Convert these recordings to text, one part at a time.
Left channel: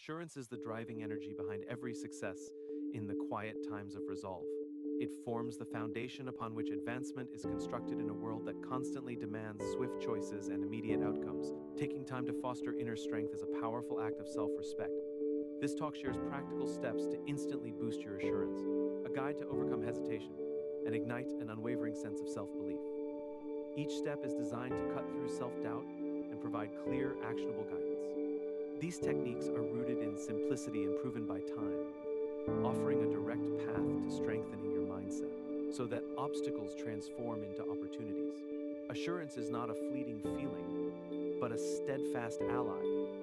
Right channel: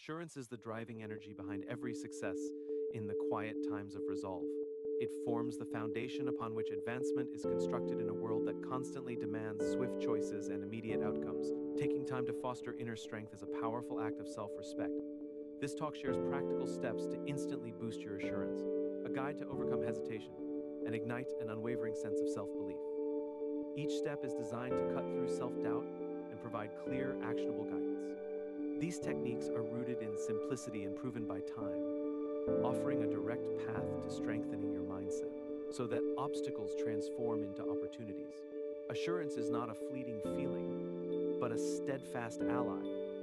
Assurance is the driving energy behind every success in the quiet times of resolve. It forms the foundation upon which advancement is constructed in a world that constantly demands swift choices and immediate outcomes. Taking time to foster inner strength is a powerful act of self-respect. This talk shares practical steps to instantly boost your assurance, a guide to overcome hesitation, and ignite an unwavering sense of self-belief. Each step is designed to cut through self-doubt and provide clear, actionable guidance. These techniques are rooted in simplicity and proven by time, offering a direct path to strengthening your mindset so that obstacles transform into opportunities. Assurance is not a fleeting feeling, but a steadfast ally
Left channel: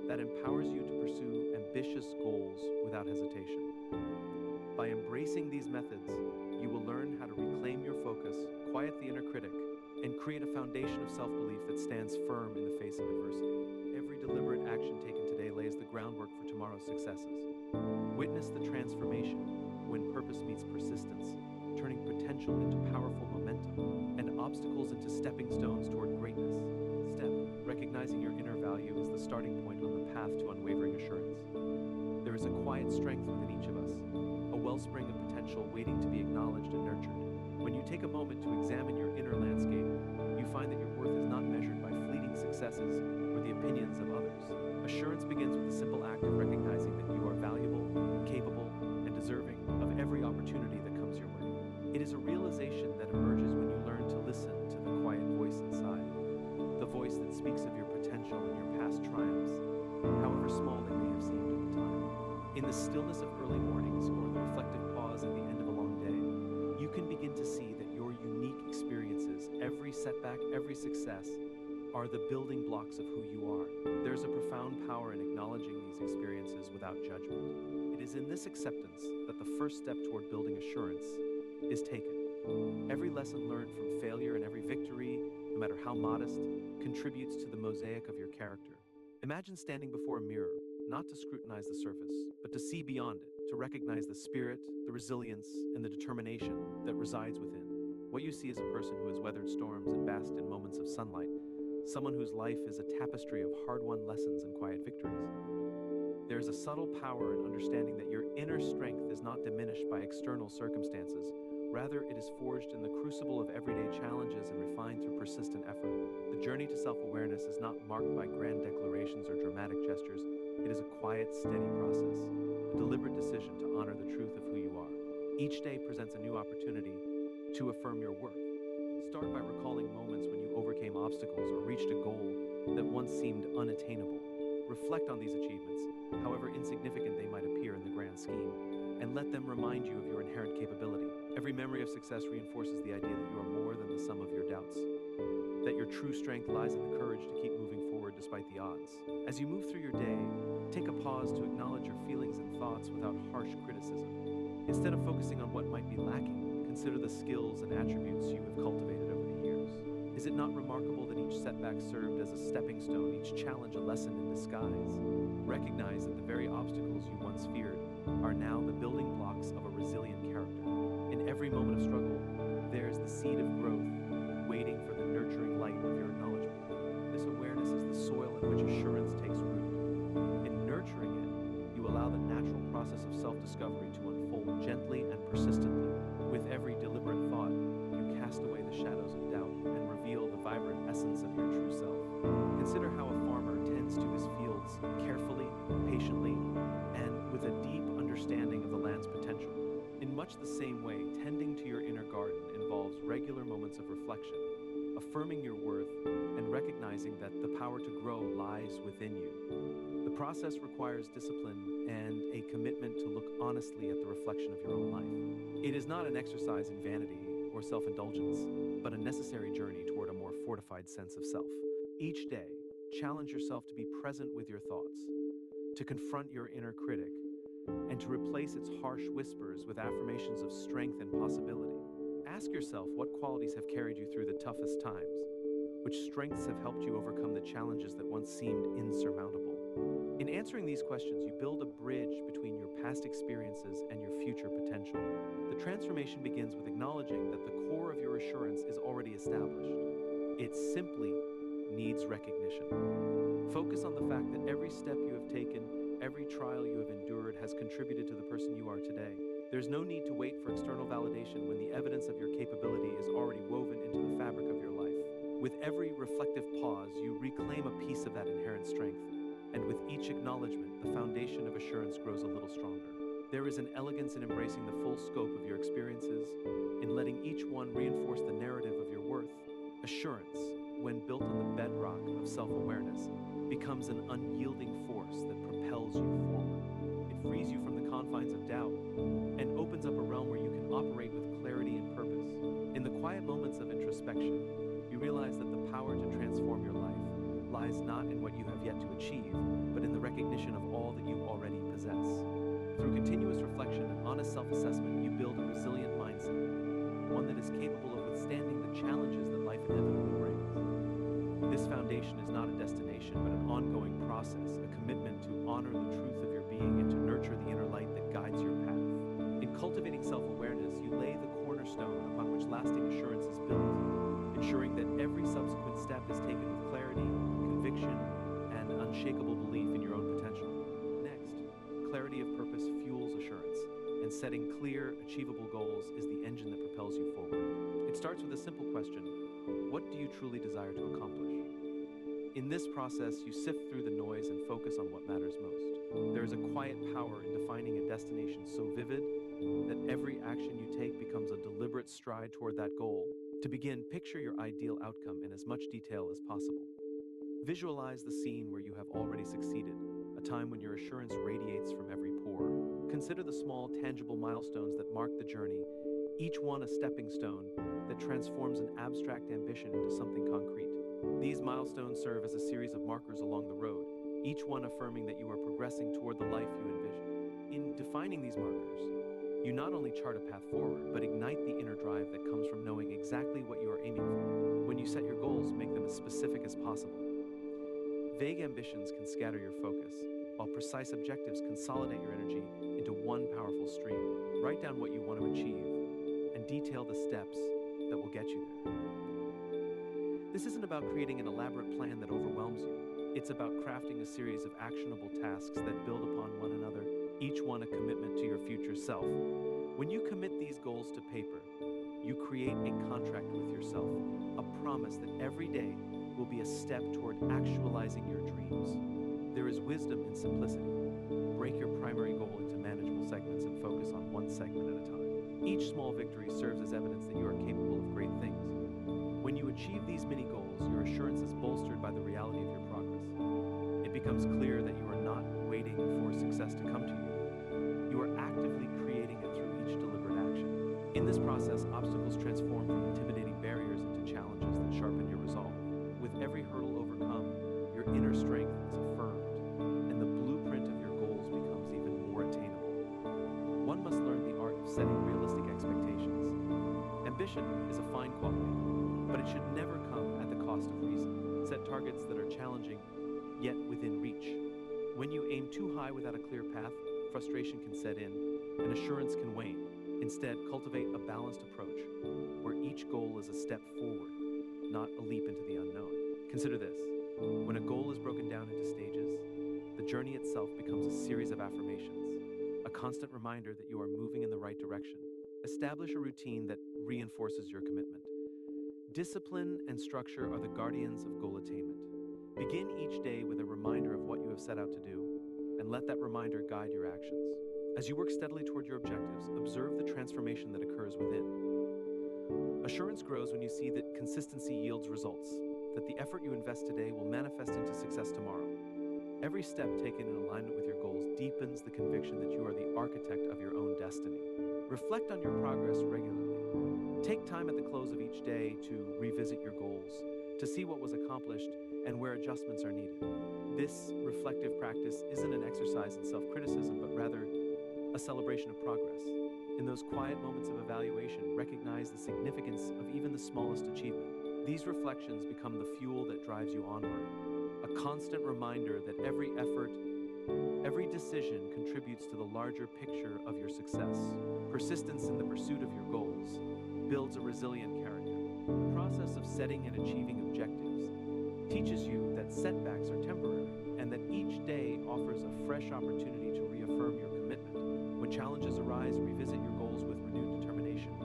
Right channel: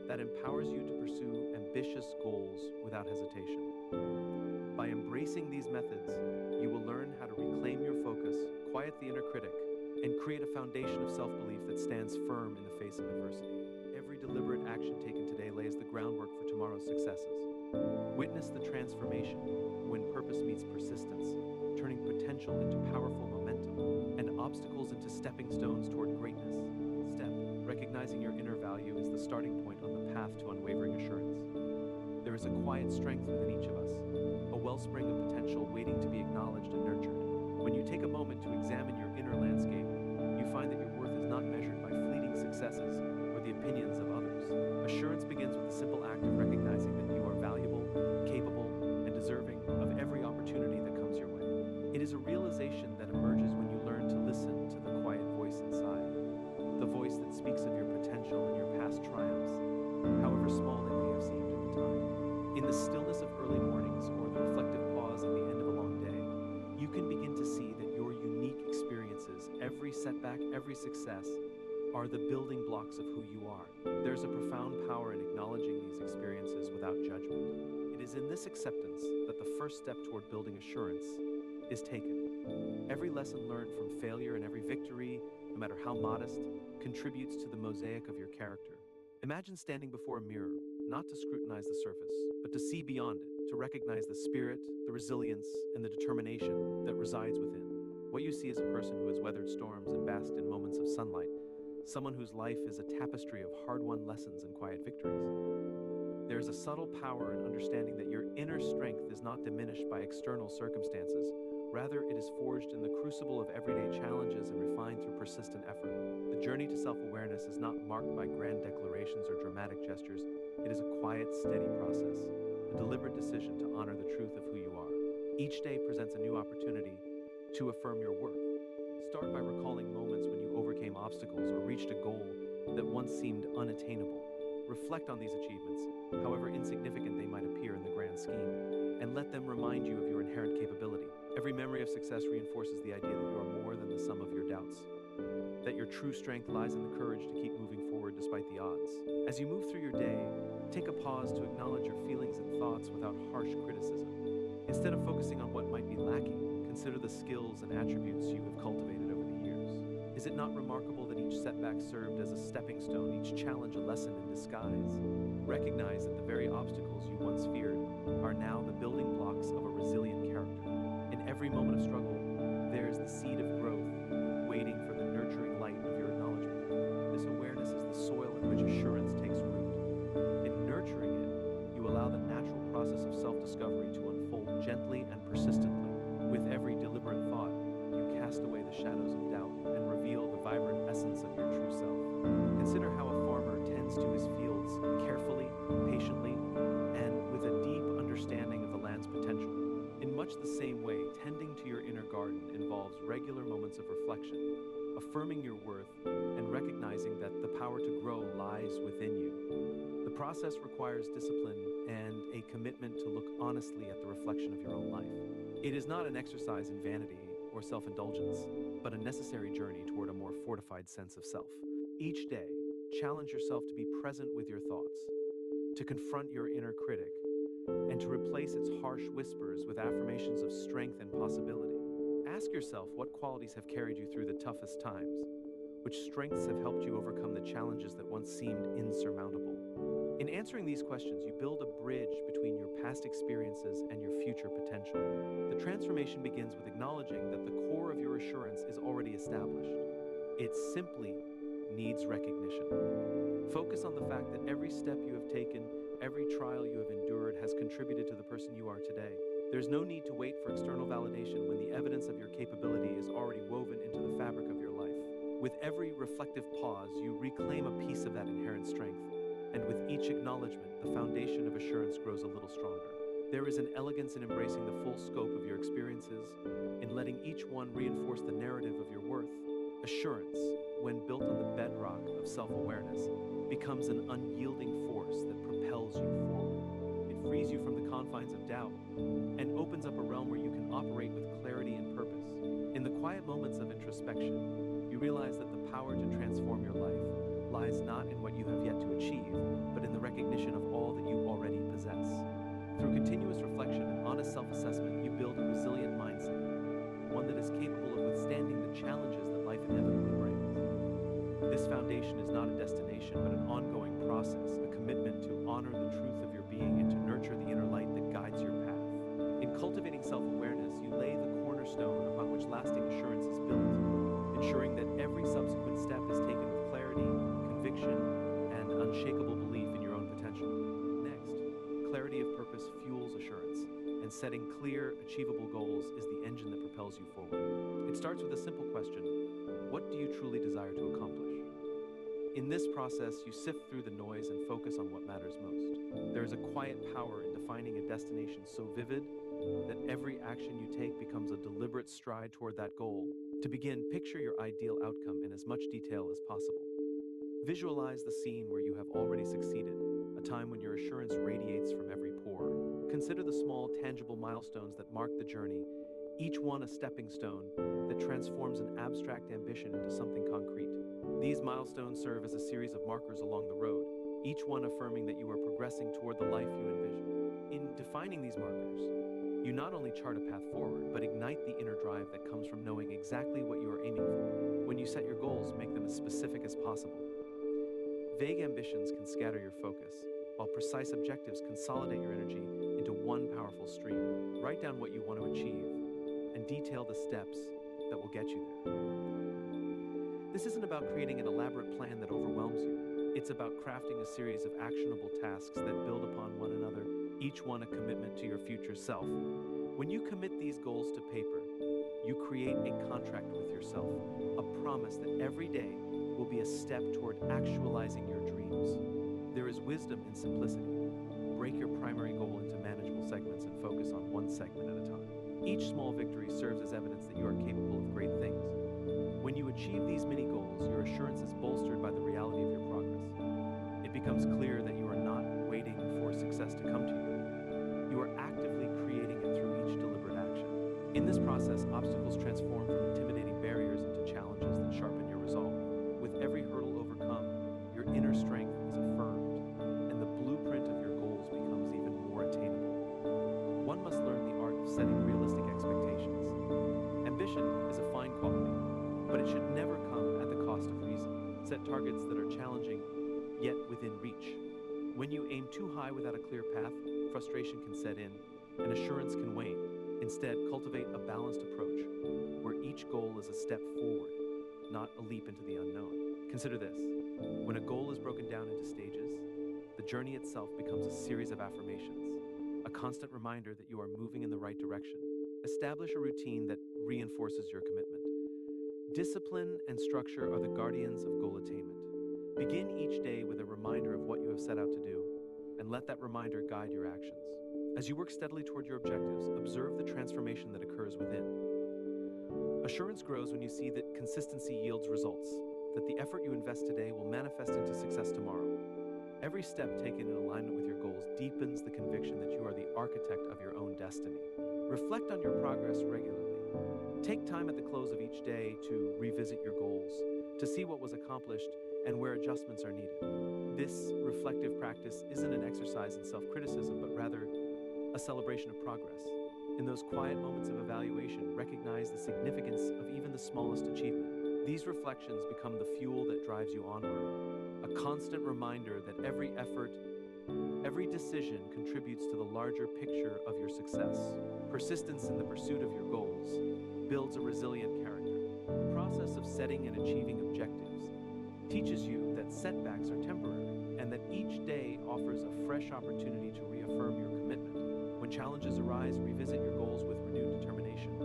that empowers you to pursue ambitious goals without hesitation. By embracing these methods, you will learn how to reclaim your focus, quiet the inner critic, and create a foundation of self-belief that stands firm in the face of adversity. Every deliberate action taken today lays the groundwork for tomorrow's successes. Witness the transformation when purpose meets persistence, turning potential into powerful momentum and obstacles into stepping stones toward greatness. Step, recognizing your inner value is the starting point on the path to unwavering assurance. There is a quiet strength within each of us, a wellspring of potential waiting to be acknowledged and nurtured. When you take a moment to examine your inner landscape, you find that your worth is not measured by fleeting successes or the opinions of others. Assurance begins with the simple act of recognizing that you are valuable, capable, and deserving of every opportunity that comes your way. It is a realization that emerges when you learn to listen to the quiet voice inside, the voice that speaks of your potential and your past triumphs, however small they may have seemed at the time. In the stillness of early mornings or the reflective pause at the end of a long day, you can begin to see that your unique experiences, every setback, every success, are the building blocks of who you are. There's a profound power in acknowledging these experiences without judgment. It is in this acceptance that the first step toward building assurance is taken. Every lesson learned from failure and every victory, no matter how modest, contributes to the mosaic of your character. Imagine standing before a mirror, not to scrutinize the surface, but to see beyond it, to recognize the spirit, the resilience, and the determination that resides within. What you see is a person who has weathered storms and basked in moments of sunlight, someone whose life is a tapestry of hard-won lessons and quiet victories. There is a subtle power in understanding that your inner strength is not diminished by external circumstances. Rather, it is forged in the crucible of everyday challenges and refined through persistent effort. The journey to self-awareness is not marked by grand declarations or dramatic gestures. It is a quiet, steady process, a deliberate decision to honor the truth of who you are. Each day presents a new opportunity to affirm your worth. Start by recalling moments when you overcame obstacles or reached a goal that once seemed unattainable. Reflect on these achievements, however insignificant they might appear in the grand scheme, and let them remind you of your inherent capability. Every memory of success reinforces the idea that you are more than the sum of your doubts, that your true strength lies in the courage to keep moving forward despite the odds. As you move through your day, take a pause to acknowledge your feelings and thoughts without harsh criticism. Instead of focusing on what might be lacking, consider the skills and attributes you have cultivated over the years. Is it not remarkable that each setback served as a stepping stone, each challenge a lesson in disguise? Recognize that the very obstacles you once feared are now the building blocks of a resilient character. In every moment of struggle, there is the seed of growth, waiting for the nurturing light of your acknowledgement. This awareness is the soil in which assurance takes root. In nurturing it, you allow the natural process of self-discovery to unfold gently and persistently. With every deliberate thought, you cast away the shadows of doubt and reveal the vibrant essence of your true self. Consider how a farmer tends to his fields carefully, patiently, and with a deep understanding of the land's potential. In much the same way, tending to your inner garden involves regular moments of reflection, affirming your worth and recognizing that the power to grow lies within you. The process requires discipline and a commitment to look honestly at the reflection of your own life. It is not an exercise in vanity or self-indulgence, but a necessary journey toward a more fortified sense of self. Each day, challenge yourself to be present with your thoughts, to confront your inner critic, and to replace its harsh whispers with affirmations of strength and possibility. Ask yourself what qualities have carried you through the toughest times, which strengths have helped you overcome the challenges that once seemed insurmountable. In answering these questions, you build a bridge between your past experiences and your future potential. The transformation begins with acknowledging that the core of your assurance is already established. It simply needs recognition. Focus on the fact that every step you have taken, every trial you have endured has contributed to the person you are today. There's no need to wait for external validation when the evidence of your capability is already woven into the fabric of your life. With every reflective pause, you reclaim a piece of that inherent strength, and with each acknowledgement, the foundation of assurance grows a little stronger. There is an elegance in embracing the full scope of your experiences, in letting each one reinforce the narrative of your worth. Assurance, when built on the bedrock of self-awareness, becomes an unyielding force that propels you forward. It frees you from the confines of doubt and opens up a realm where you can operate with clarity and purpose. In the quiet moments of introspection, you realize that the power to transform your life lies not in what you have yet to achieve, but in the recognition of all that you already possess. Through continuous reflection and honest self-assessment, you build a resilient mindset, one that is capable of withstanding the challenges that life inevitably brings. This foundation is not a destination, but an ongoing process, a commitment to honor the truth of your being and to nurture the inner light that guides your path. In cultivating self-awareness, you lay the cornerstone upon which lasting assurance is built, ensuring that every subsequent step is taken with clarity, conviction, and unshakable belief in your own potential. Next, clarity of purpose fuels assurance, and setting clear, achievable goals is the engine that propels you forward. It starts with a simple question: what do you truly desire to accomplish? In this process, you sift through the noise and focus on what matters most. There is a quiet power in defining a destination so vivid that every action you take becomes a deliberate stride toward that goal. To begin, picture your ideal outcome in as much detail as possible. Visualize the scene where you have already succeeded, a time when your assurance radiates from every pore. Consider the small, tangible milestones that mark the journey, each one a stepping stone that transforms an abstract ambition into something concrete. These milestones serve as a series of markers along the road, each one affirming that you are progressing toward the life you envision. In defining these markers, you not only chart a path forward, but ignite the inner drive that comes from knowing exactly what you are aiming for. When you set your goals, make them as specific as possible. Vague ambitions can scatter your focus, while precise objectives consolidate your energy into one powerful stream. Write down what you want to achieve and detail the steps that will get you there. This isn't about creating an elaborate plan that overwhelms you. It's about crafting a series of actionable tasks that build upon one another, each one a commitment to your future self. When you commit these goals to paper, you create a contract with yourself, a promise that every day will be a step toward actualizing your dreams. There is wisdom in simplicity. Break your primary goal into manageable segments and focus on one segment at a time. Each small victory serves as evidence that you are capable of great things. When you achieve these mini goals, your assurance is bolstered by the reality of your progress. It becomes clear that you are not waiting for success to come to you. You are actively creating it through each deliberate action. In this process, obstacles transform from intimidating barriers into challenges that sharpen your resolve. With every hurdle overcome, your inner strength is affirmed, and the blueprint of your goals becomes even more attainable. One must learn the art of setting realistic expectations. Ambition is a fine quality, but it should never come at the cost of reason. Set targets that are challenging, yet within reach. When you aim too high without a clear path, frustration can set in, and assurance can wane. Instead, cultivate a balanced approach, where each goal is a step forward, not a leap into the unknown. Consider this: when a goal is broken down into stages, the journey itself becomes a series of affirmations, a constant reminder that you are moving in the right direction. Establish a routine that reinforces your commitment. Discipline and structure are the guardians of goal attainment. Begin each day with a reminder of what you have set out to do, and let that reminder guide your actions. As you work steadily toward your objectives, observe the transformation that occurs within. Assurance grows when you see that consistency yields results, that the effort you invest today will manifest into success tomorrow. Every step taken in alignment with your goals deepens the conviction that you are the architect of your own destiny. Reflect on your progress regularly. Take time at the close of each day to revisit your goals, to see what was accomplished and where adjustments are needed. This reflective practice isn't an exercise in self-criticism, but rather a celebration of progress. In those quiet moments of evaluation, recognize the significance of even the smallest achievement. These reflections become the fuel that drives you onward, a constant reminder that every effort, every decision contributes to the larger picture of your success. Persistence in the pursuit of your goals builds a resilient character. The process of setting and achieving objectives teaches you that setbacks are temporary, and that each day offers a fresh opportunity to reaffirm your commitment. When challenges arise, revisit your goals with renewed determination.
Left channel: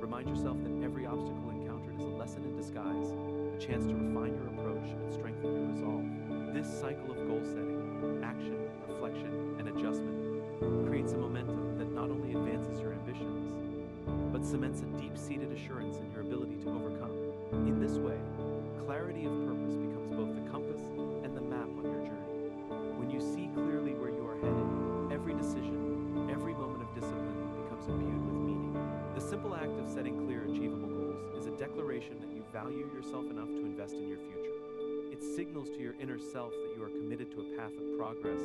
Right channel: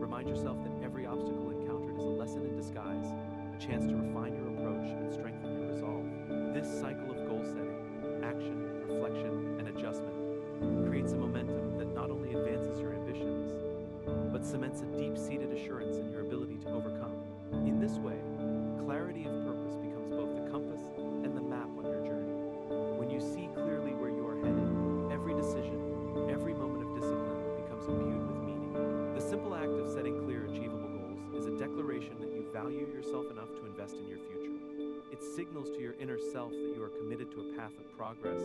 Remind yourself that every obstacle encountered is a lesson in disguise, a chance to refine your approach and strengthen your resolve. This cycle of goal setting, action, reflection, and adjustment creates a momentum that not only advances your ambitions, but cements a deep-seated assurance in your ability to overcome. In this way, clarity of purpose becomes both the compass and the map on your journey. When you see clearly where you are headed, every decision, every moment of discipline becomes imbued with meaning. The simple act of setting clear, achievable goals is a declaration that you value yourself enough to invest in your future. It signals to your inner self that you are committed to a path of progress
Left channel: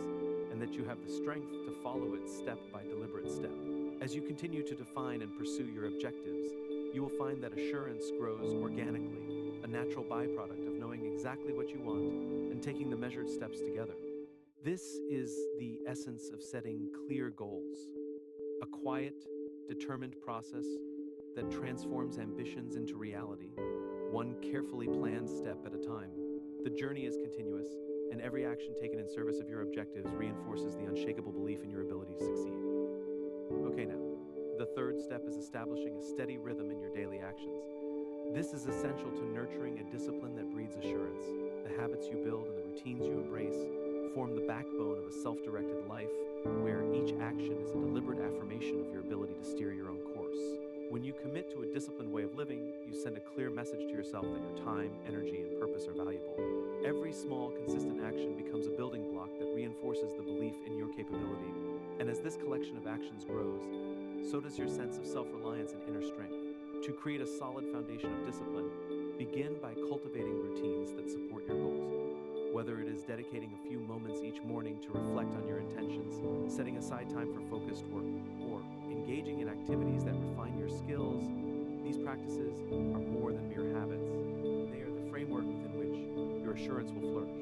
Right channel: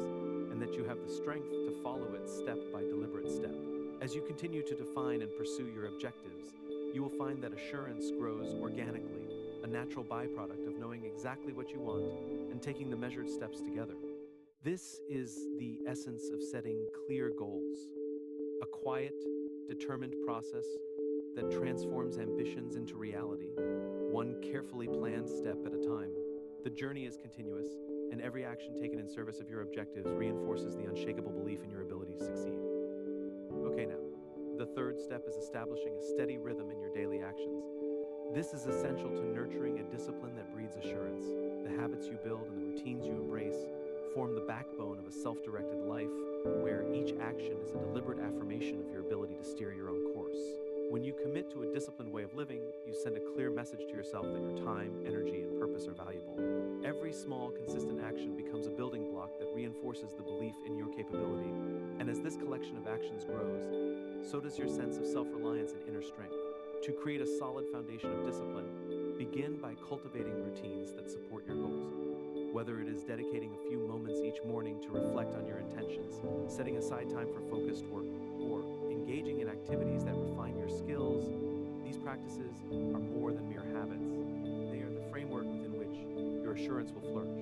and that you have the strength to follow it step by deliberate step. As you continue to define and pursue your objectives, you will find that assurance grows organically, a natural byproduct of knowing exactly what you want and taking the measured steps together. This is the essence of setting clear goals, a quiet, determined process that transforms ambitions into reality, one carefully planned step at a time. The journey is continuous, and every action taken in service of your objectives reinforces the unshakable belief in your ability to succeed. Okay, now, the third step is establishing a steady rhythm in your daily actions. This is essential to nurturing a discipline that breeds assurance. The habits you build and the routines you embrace form the backbone of a self-directed life where each action is a deliberate affirmation of your ability to steer your own course. When you commit to a disciplined way of living, you send a clear message to yourself that your time, energy, and purpose are valuable. Every small, consistent action becomes a building block that reinforces the belief in your capability. And as this collection of actions grows, so does your sense of self-reliance and inner strength. To create a solid foundation of discipline, begin by cultivating routines that support your goals. Whether it is dedicating a few moments each morning to reflect on your intentions, setting aside time for focused work, or engaging in activities that refine your skills, these practices are more than mere habits. They are the framework within which your assurance will flourish.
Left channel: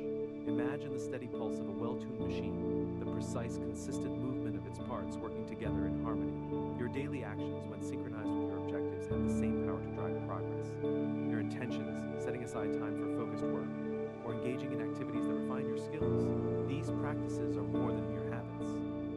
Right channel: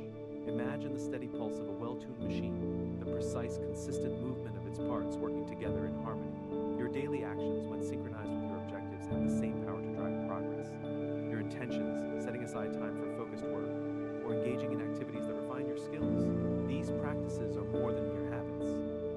Imagine the steady pulse of a well-tuned machine, the precise, consistent movement of its parts working together in harmony. Your daily actions, when synchronized with your objectives, have the same power to drive progress. Your intentions, setting aside time for focused work, or engaging in activities that refine your skills, these practices are more than mere habits.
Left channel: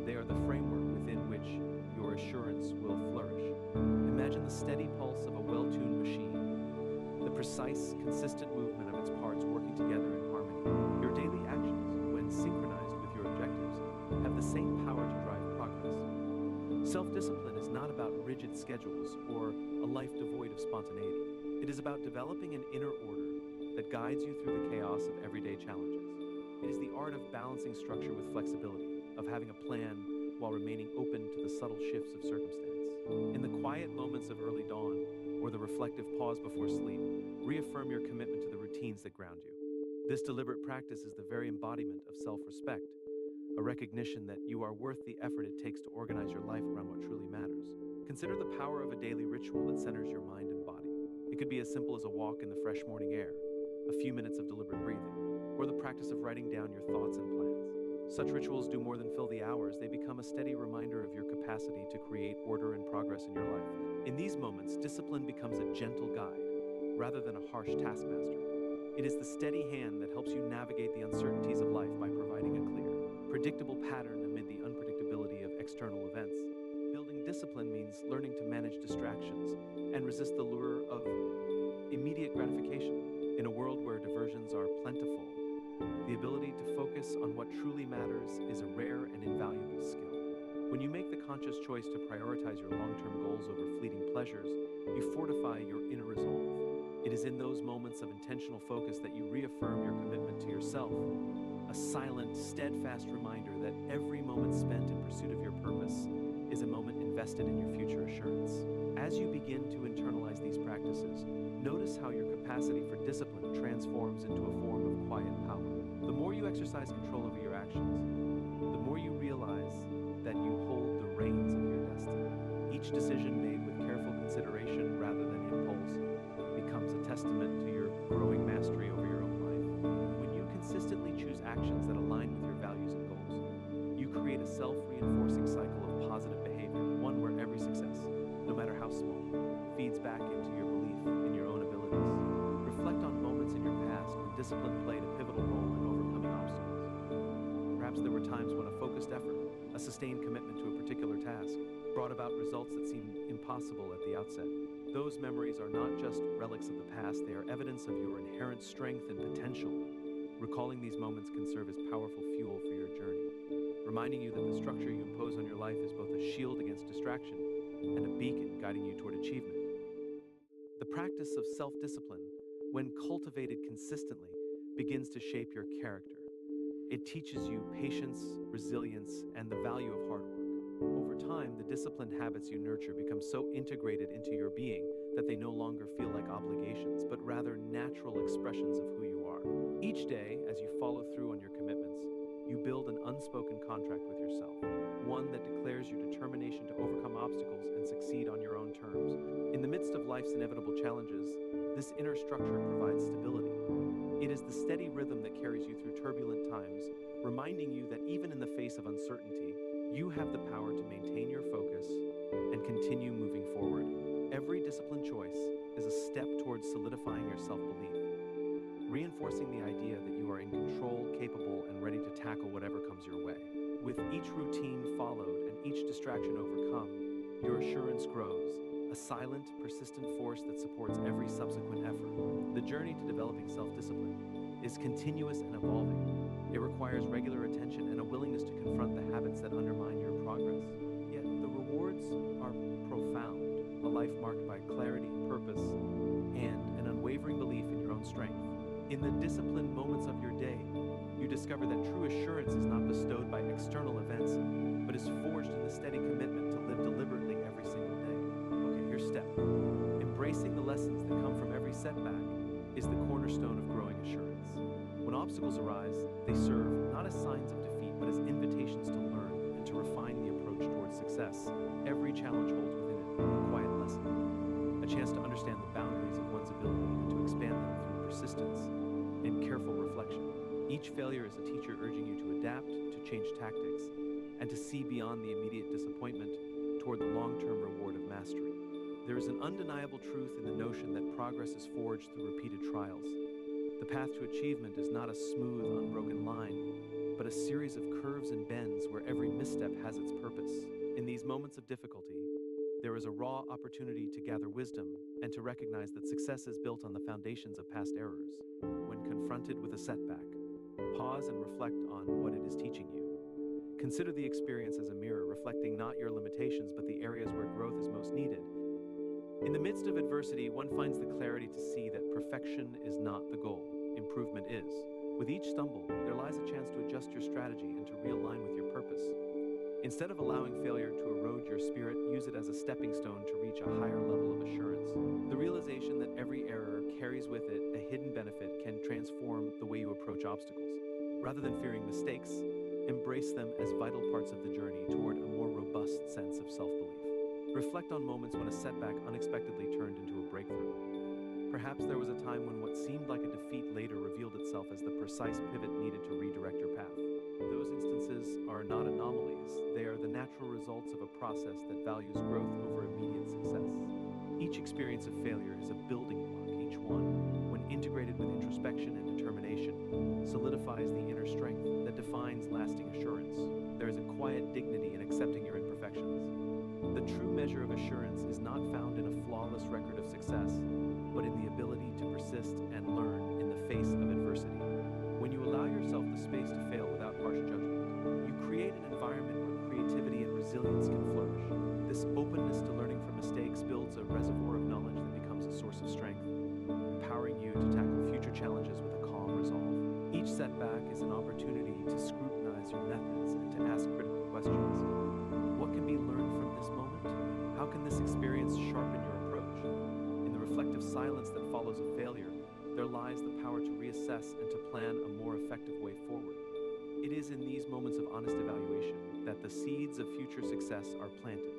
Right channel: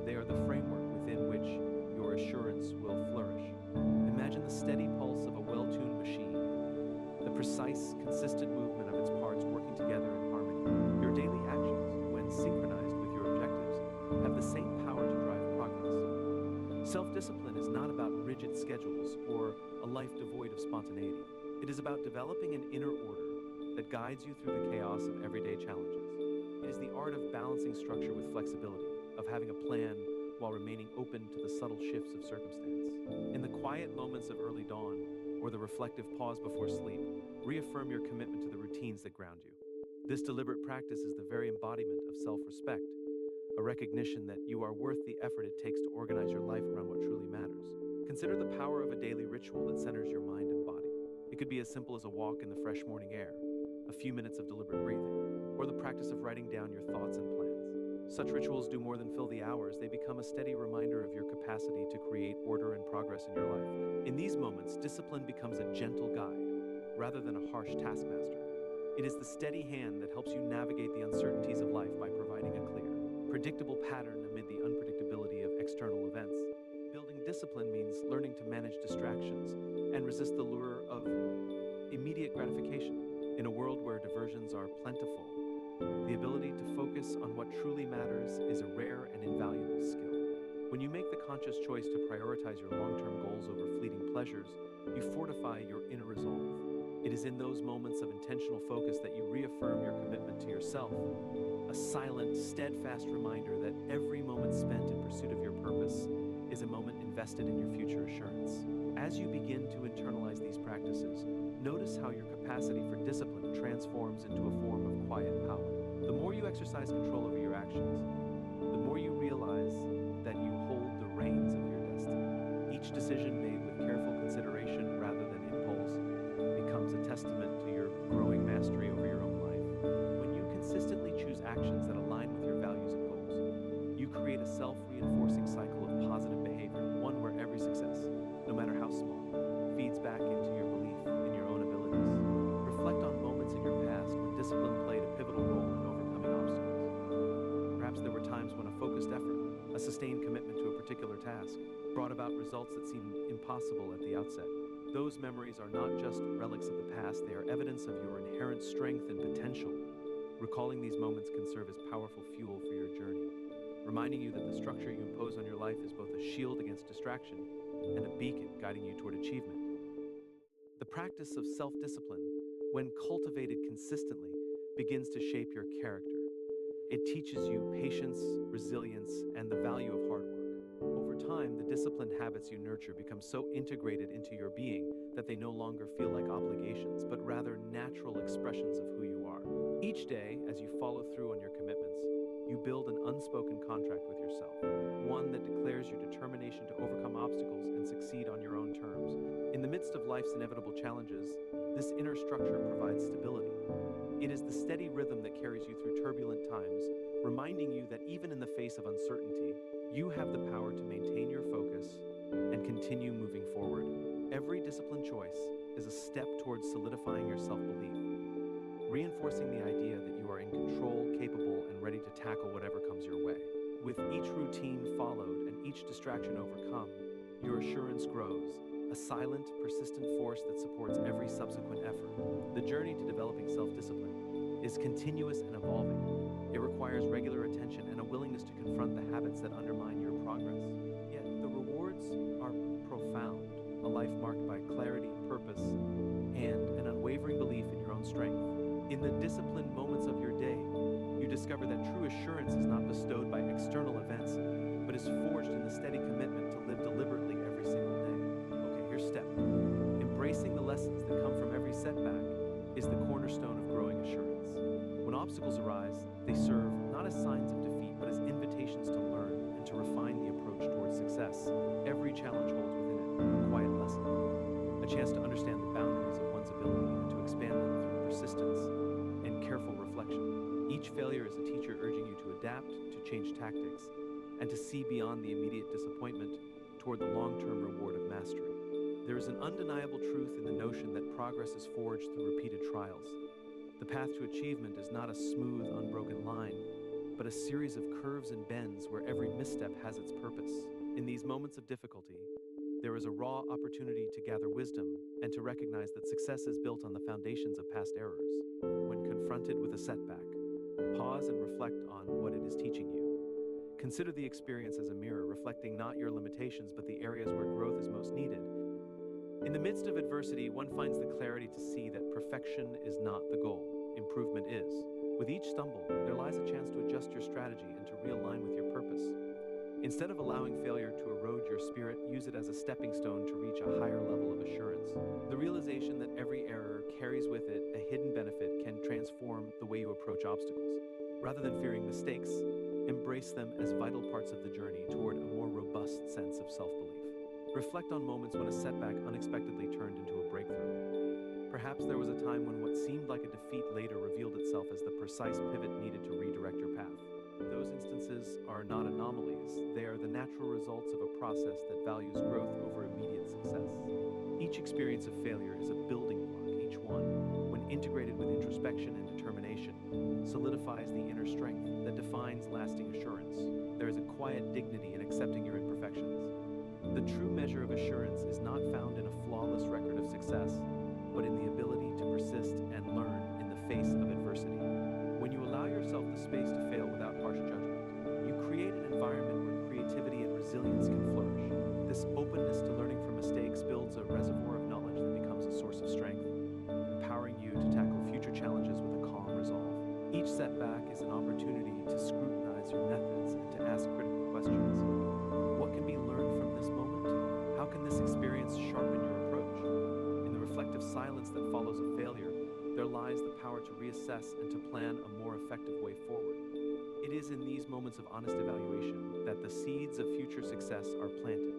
They are the framework within which your assurance will flourish. Imagine the steady pulse of a well-tuned machine, the precise, consistent movement of its parts working together in harmony. Your daily actions, when synchronized with your objectives, have the same power to drive progress. Self-discipline is not about rigid schedules or a life devoid of spontaneity. It is about developing an inner order that guides you through the chaos of everyday challenges. It is the art of balancing structure with flexibility, of having a plan while remaining open to the subtle shifts of circumstance. In the quiet moments of early dawn, or the reflective pause before sleep, reaffirm your commitment to the routines that ground you. This deliberate practice is the very embodiment of self-respect, a recognition that you are worth the effort it takes to organize your life around what truly matters. Consider the power of a daily ritual that centers your mind and body. It could be as simple as a walk in the fresh morning air, a few minutes of deliberate breathing, or the practice of writing down your thoughts and plans. Such rituals do more than fill the hours. They become a steady reminder of your capacity to create order and progress in your life. In these moments, discipline becomes a gentle guide, rather than a harsh taskmaster. It is the steady hand that helps you navigate the uncertainties of life by providing a clear, predictable pattern amid the unpredictability of external events. Building discipline means learning to manage distractions and resist the lure of immediate gratification. In a world where diversions are plentiful, the ability to focus on what truly matters is a rare and invaluable skill. When you make the conscious choice to prioritize your long-term goals over fleeting pleasures, you fortify your inner resolve. It is in those moments of intentional focus that you reaffirm your commitment to yourself, a silent, steadfast reminder that every moment spent in pursuit of your purpose is a moment invested in your future assurance. As you begin to internalize these practices, notice how your capacity for discipline transforms into a form of quiet power. The more you exercise control over your actions, the more you realize that you hold the reins of your destiny. Each decision made with careful consideration rather than impulse becomes a testament to your growing mastery over your own life. When you consistently choose actions that align with your values and goals, you create a self-reinforcing cycle of positive behavior, one where every success, no matter how small, feeds back into your belief in your own abilities. Reflect on moments in your past when discipline played a pivotal role in overcoming obstacles. Perhaps there were times when a focused effort, a sustained commitment to a particular task, brought about results that seemed impossible at the outset. Those memories are not just relics of the past, they are evidence of your inherent strength and potential. Recalling these moments can serve as powerful fuel for your journey, reminding you that the structure you impose on your life is both a shield against distraction and a beacon guiding you toward achievement. The practice of self-discipline, when cultivated consistently, begins to shape your character. It teaches you patience, resilience, and the value of hard work. Over time, the disciplined habits you nurture become so integrated into your being that they no longer feel like obligations, but rather natural expressions of who you are. Each day, as you follow through on your commitments, you build an unspoken contract with yourself, one that declares your determination to overcome obstacles and succeed on your own terms. In the midst of life's inevitable challenges, this inner structure provides stability. It is the steady rhythm that carries you through turbulent times, reminding you that even in the face of uncertainty, you have the power to maintain your focus and continue moving forward. Every disciplined choice is a step towards solidifying your self-belief, reinforcing the idea that you are in control, capable, and ready to tackle whatever comes your way. With each routine followed and each distraction overcome, your assurance grows, a silent, persistent force that supports every subsequent effort. The journey to developing self-discipline is continuous and evolving. It requires regular attention and a willingness to confront the habits that undermine your progress. Yet the rewards are profound, a life marked by clarity, purpose, and an unwavering belief in your own strength. In the disciplined moments of your day, you discover that true assurance is not bestowed by external events, but is forged in the steady commitment to live deliberately every single day. Okay, here's step. Embracing the lessons that come from every setback is the cornerstone of growing assurance. When obstacles arise, they serve not as signs of defeat, but as invitations to learn and to refine the approach towards success. Every challenge holds within it a quiet lesson, a chance to understand the boundaries of one's ability and to expand them through persistence and careful reflection. Each failure is a teacher urging you to adapt, to change tactics, and to see beyond the immediate disappointment toward the long-term reward of mastery. There is an undeniable truth in the notion that progress is forged through repeated trials. The path to achievement is not a smooth, unbroken line, but a series of curves and bends where every misstep has its purpose. In these moments of difficulty, there is a raw opportunity to gather wisdom and to recognize that success is built on the foundations of past errors. When confronted with a setback, pause and reflect on what it is teaching you. Consider the experience as a mirror, reflecting not your limitations, but the areas where growth is most needed. In the midst of adversity, one finds the clarity to see that perfection is not the goal, improvement is. With each stumble, there lies a chance to adjust your strategy and to realign with your purpose. Instead of allowing failure to erode your spirit, use it as a stepping stone to reach a higher level of assurance. The realization that every error carries with it a hidden benefit can transform the way you approach obstacles. Rather than fearing mistakes, embrace them as vital parts of the journey toward a more robust sense of self-belief. Reflect on moments when a setback unexpectedly turned into a breakthrough. Perhaps there was a time when what seemed like a defeat later revealed itself as the precise pivot needed to redirect your path. Those instances are not anomalies, they are the natural results of a process that values growth over immediate success. Each experience of failure is a building block, each one, when integrated with introspection and determination, solidifies the inner strength that defines lasting assurance. There is a quiet dignity in accepting your imperfections. The true measure of assurance is not found in a flawless record of success, but in the ability to persist and learn in the face of adversity. When you allow yourself the space to fail without harsh judgment, you create an environment where creativity and resilience can flourish. This openness to learning from mistakes builds a reservoir of knowledge that becomes a source of strength, empowering you to tackle future challenges with a calm resolve. Each setback is an opportunity to scrutinize your methods and to ask critical questions. What can be learned from this moment? How can this experience sharpen your approach? In the reflective silence that follows a failure, there lies the power to reassess and to plan a more effective way forward. It is in these moments of honest evaluation that the seeds of future success are planted,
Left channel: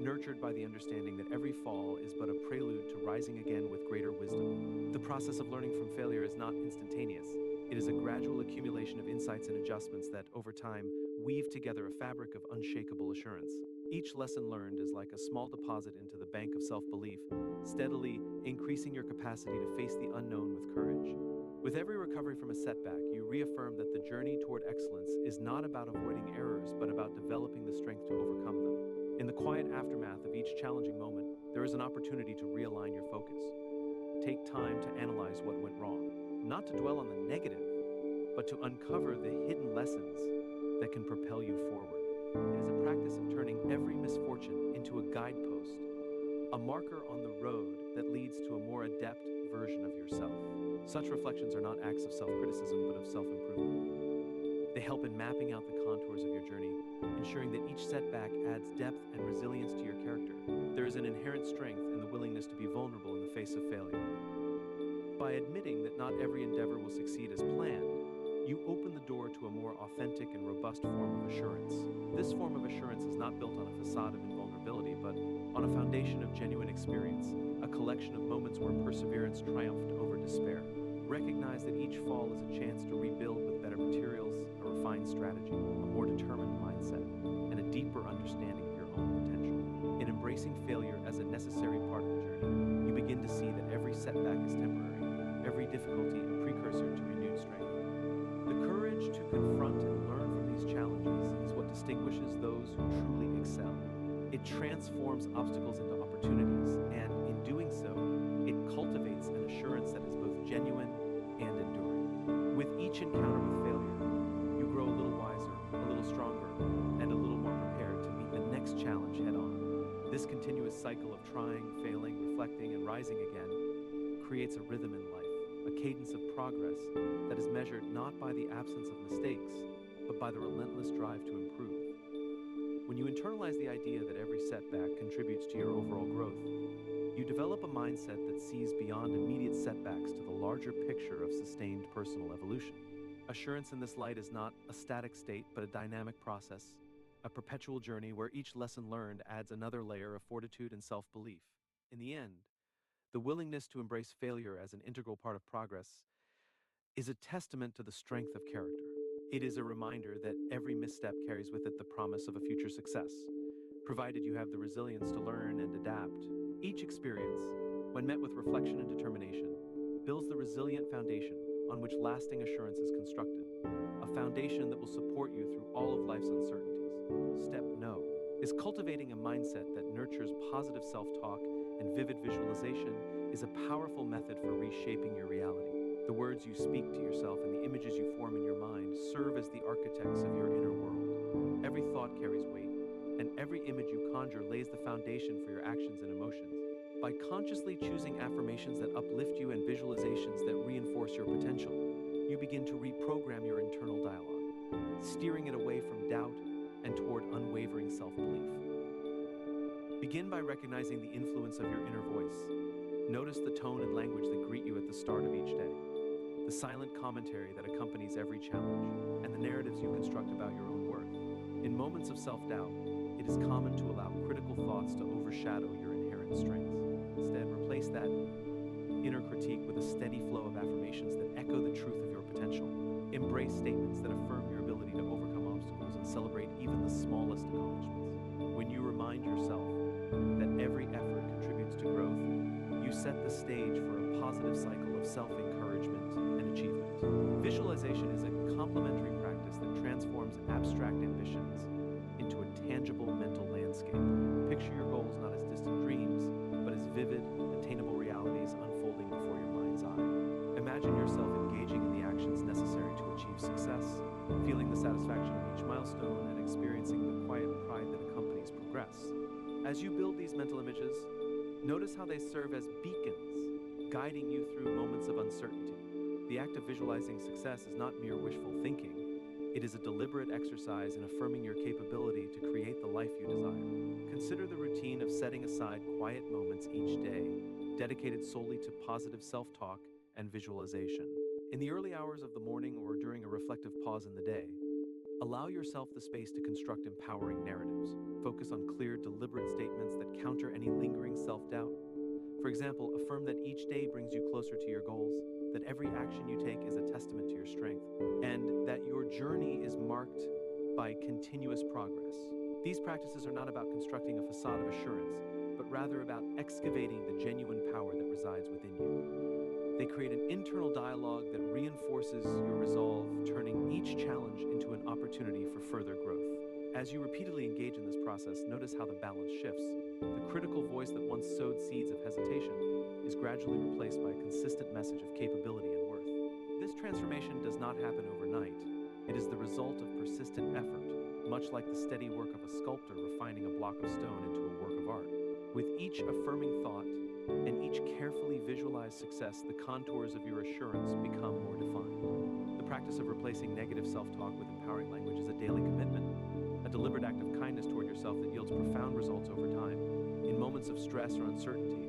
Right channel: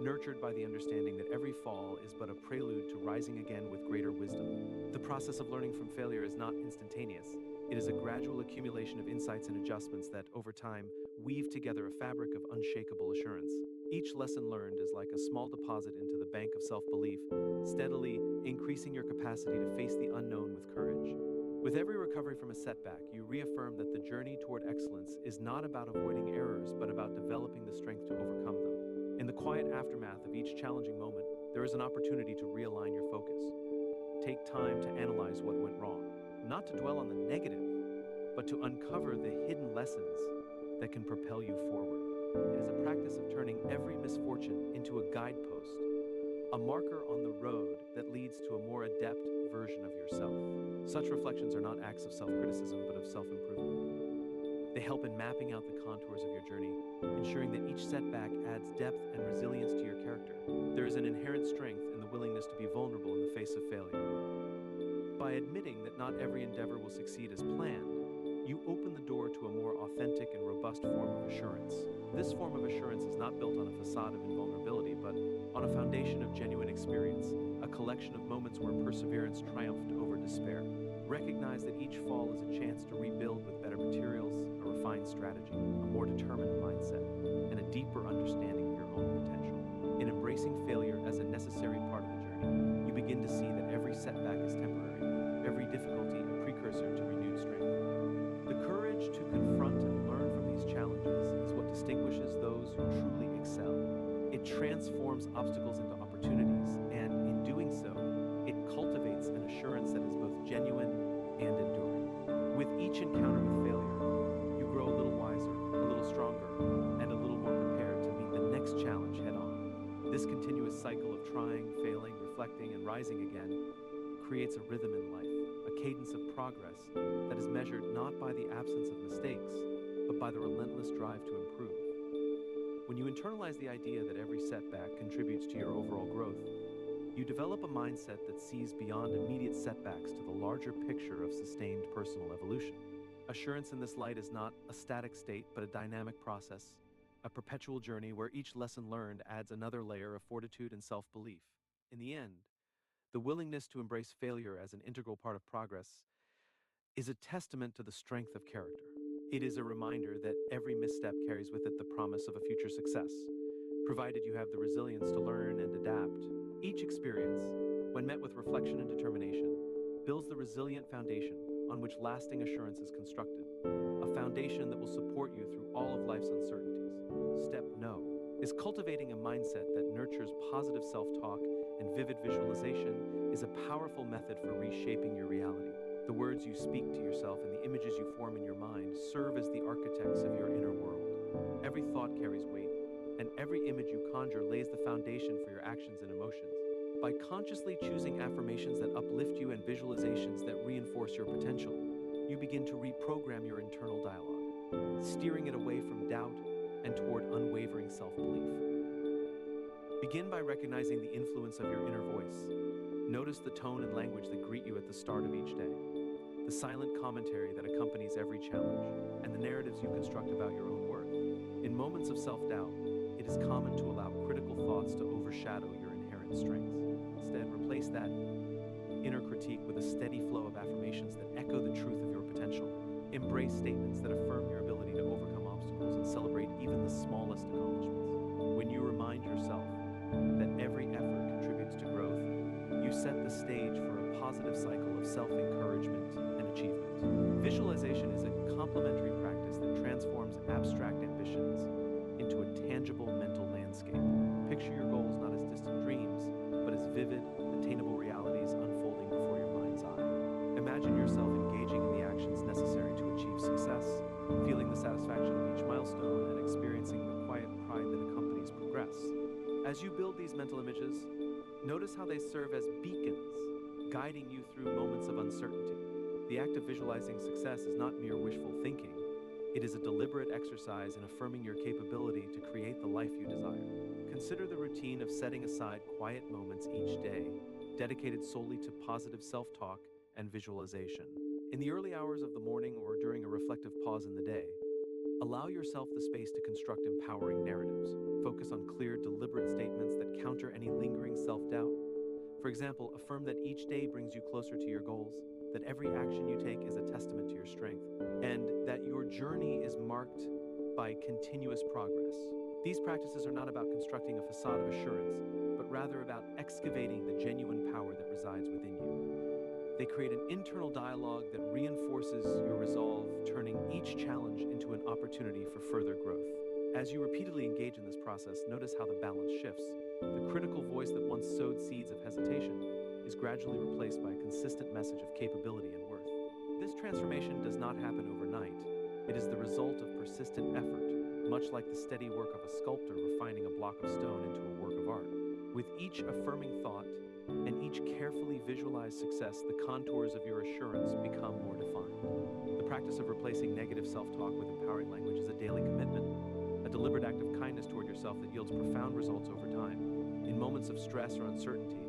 nurtured by the understanding that every fall is but a prelude to rising again with greater wisdom. The process of learning from failure is not instantaneous. It is a gradual accumulation of insights and adjustments that, over time, weave together a fabric of unshakable assurance. Each lesson learned is like a small deposit into the bank of self-belief, steadily increasing your capacity to face the unknown with courage. With every recovery from a setback, you reaffirm that the journey toward excellence is not about avoiding errors, but about developing the strength to overcome them. In the quiet aftermath of each challenging moment, there is an opportunity to realign your focus. Take time to analyze what went wrong, not to dwell on the negative, but to uncover the hidden lessons that can propel you forward. It is a practice of turning every misfortune into a guidepost, a marker on the road that leads to a more adept version of yourself. Such reflections are not acts of self-criticism, but of self-improvement. They help in mapping out the contours of your journey, ensuring that each setback adds depth and resilience to your character. There is an inherent strength in the willingness to be vulnerable in the face of failure. By admitting that not every endeavor will succeed as planned, you open the door to a more authentic and robust form of assurance. This form of assurance is not built on a facade of invulnerability, but on a foundation of genuine experience, a collection of moments where perseverance triumphed over despair. Recognize that each fall is a chance to rebuild with better materials, a refined strategy, a more determined mindset, and a deeper understanding of your own potential. In embracing failure as a necessary part of the journey, you begin to see that every setback is temporary, every difficulty a precursor to renewed strength. The courage to confront and learn from these challenges is what distinguishes those who truly excel. It transforms obstacles into opportunities, and in doing so, it cultivates an assurance that is both genuine and enduring. With each encounter with failure, you grow a little wiser, a little stronger, and a little more prepared to meet the next challenge head-on. This continuous cycle of trying, failing, reflecting, and rising again creates a rhythm in life, a cadence of progress that is measured not by the absence of mistakes, but by the relentless drive to improve. When you internalize the idea that every setback contributes to your overall growth, you develop a mindset that sees beyond immediate setbacks to the larger picture of sustained personal evolution. Assurance in this light is not a static state, but a dynamic process, a perpetual journey where each lesson learned adds another layer of fortitude and self-belief. In the end, the willingness to embrace failure as an integral part of progress is a testament to the strength of character. It is a reminder that every misstep carries with it the promise of a future success, provided you have the resilience to learn and adapt. Each experience, when met with reflection and determination, builds the resilient foundation on which lasting assurance is constructed, a foundation that will support you through all of life's uncertainties. Step No is cultivating a mindset that nurtures positive self-talk and vivid visualization is a powerful method for reshaping your reality. The words you speak to yourself and the images you form in your mind serve as the architects of your inner world. Every thought carries weight, and every image you conjure lays the foundation for your actions and emotions. By consciously choosing affirmations that uplift you and visualizations that reinforce your potential, you begin to reprogram your internal dialogue, steering it away from doubt and toward unwavering self-belief. Begin by recognizing the influence of your inner voice. Notice the tone and language that greet you at the start of each day, the silent commentary that accompanies every challenge, and the narratives you construct about your own worth. In moments of self-doubt, it is common to allow critical thoughts to overshadow your inherent strengths. Instead, replace that inner critique with a steady flow of affirmations that echo the truth of your potential. Embrace statements that affirm your ability to overcome obstacles and celebrate even the smallest accomplishments. When you remind yourself that every effort contributes to growth, you set the stage for a positive cycle of self-encouragement and achievement. Visualization is a complementary practice that transforms abstract ambitions into a tangible mental landscape. Picture your goals not as distant dreams, but as vivid, attainable realities unfolding before your mind's eye. Imagine yourself engaging in the actions necessary to achieve success, feeling the satisfaction of each milestone, and experiencing the quiet pride that accompanies progress. As you build these mental images, notice how they serve as beacons, guiding you through moments of uncertainty. The act of visualizing success is not mere wishful thinking. It is a deliberate exercise in affirming your capability to create the life you desire. Consider the routine of setting aside quiet moments each day, dedicated solely to positive self-talk and visualization. In the early hours of the morning or during a reflective pause in the day, allow yourself the space to construct empowering narratives. Focus on clear, deliberate statements that counter any lingering self-doubt. For example, affirm that each day brings you closer to your goals, that every action you take is a testament to your strength, and that your journey is marked by continuous progress. These practices are not about constructing a facade of assurance, but rather about excavating the genuine power that resides within you. They create an internal dialogue that reinforces your resolve, turning each challenge into an opportunity for further growth. As you repeatedly engage in this process, notice how the balance shifts. The critical voice that once sowed seeds of hesitation is gradually replaced by a consistent message of capability and worth. This transformation does not happen overnight. It is the result of persistent effort, much like the steady work of a sculptor refining a block of stone into a work of art. With each affirming thought and each carefully visualized success, the contours of your assurance become more defined. The practice of replacing negative self-talk with empowering language is a daily commitment, a deliberate act of kindness toward yourself that yields profound results over time. In moments of stress or uncertainty,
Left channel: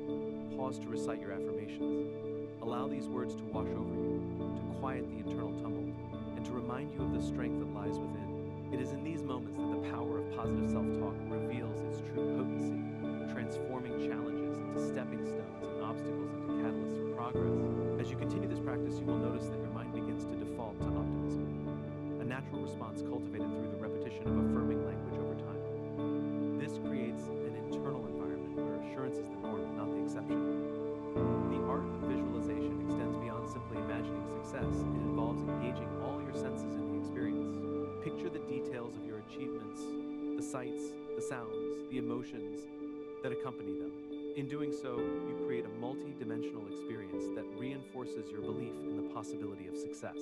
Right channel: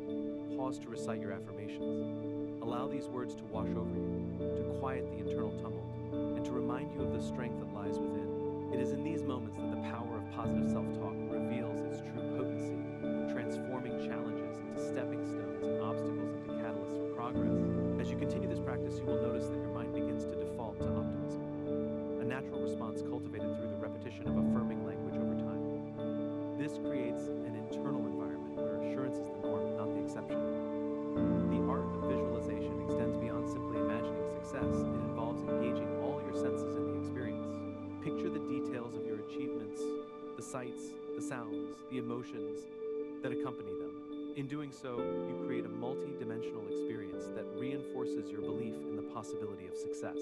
pause to recite your affirmations. Allow these words to wash over you, to quiet the internal tumult, and to remind you of the strength that lies within. It is in these moments that the power of positive self-talk reveals its true potency, transforming challenges into stepping stones and obstacles into catalysts for progress. As you continue this practice, you will notice that your mind begins to default to optimism, a natural response cultivated through the repetition of affirming language over time. This creates an internal environment where assurance is the norm, not the exception. The art of visualization extends beyond simply imagining success. It involves engaging all your senses in the experience. Picture the details of your achievements, the sights, the sounds, the emotions that accompany them. In doing so, you create a multi-dimensional experience that reinforces your belief in the possibility of success.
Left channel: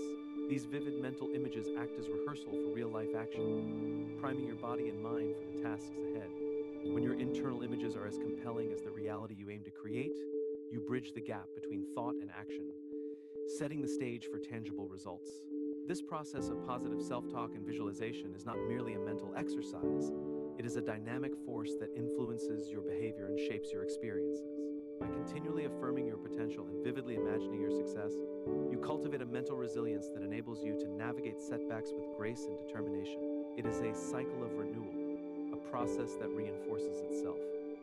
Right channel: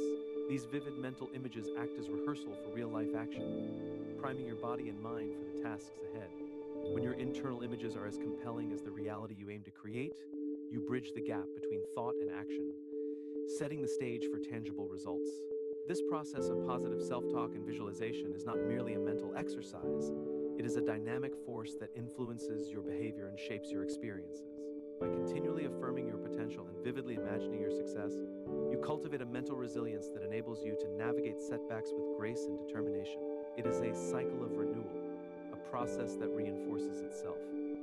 These vivid mental images act as rehearsal for real-life action, priming your body and mind for the tasks ahead. When your internal images are as compelling as the reality you aim to create, you bridge the gap between thought and action, setting the stage for tangible results. This process of positive self-talk and visualization is not merely a mental exercise. It is a dynamic force that influences your behavior and shapes your experiences. By continually affirming your potential and vividly imagining your success, you cultivate a mental resilience that enables you to navigate setbacks with grace and determination. It is a cycle of renewal, a process that reinforces itself.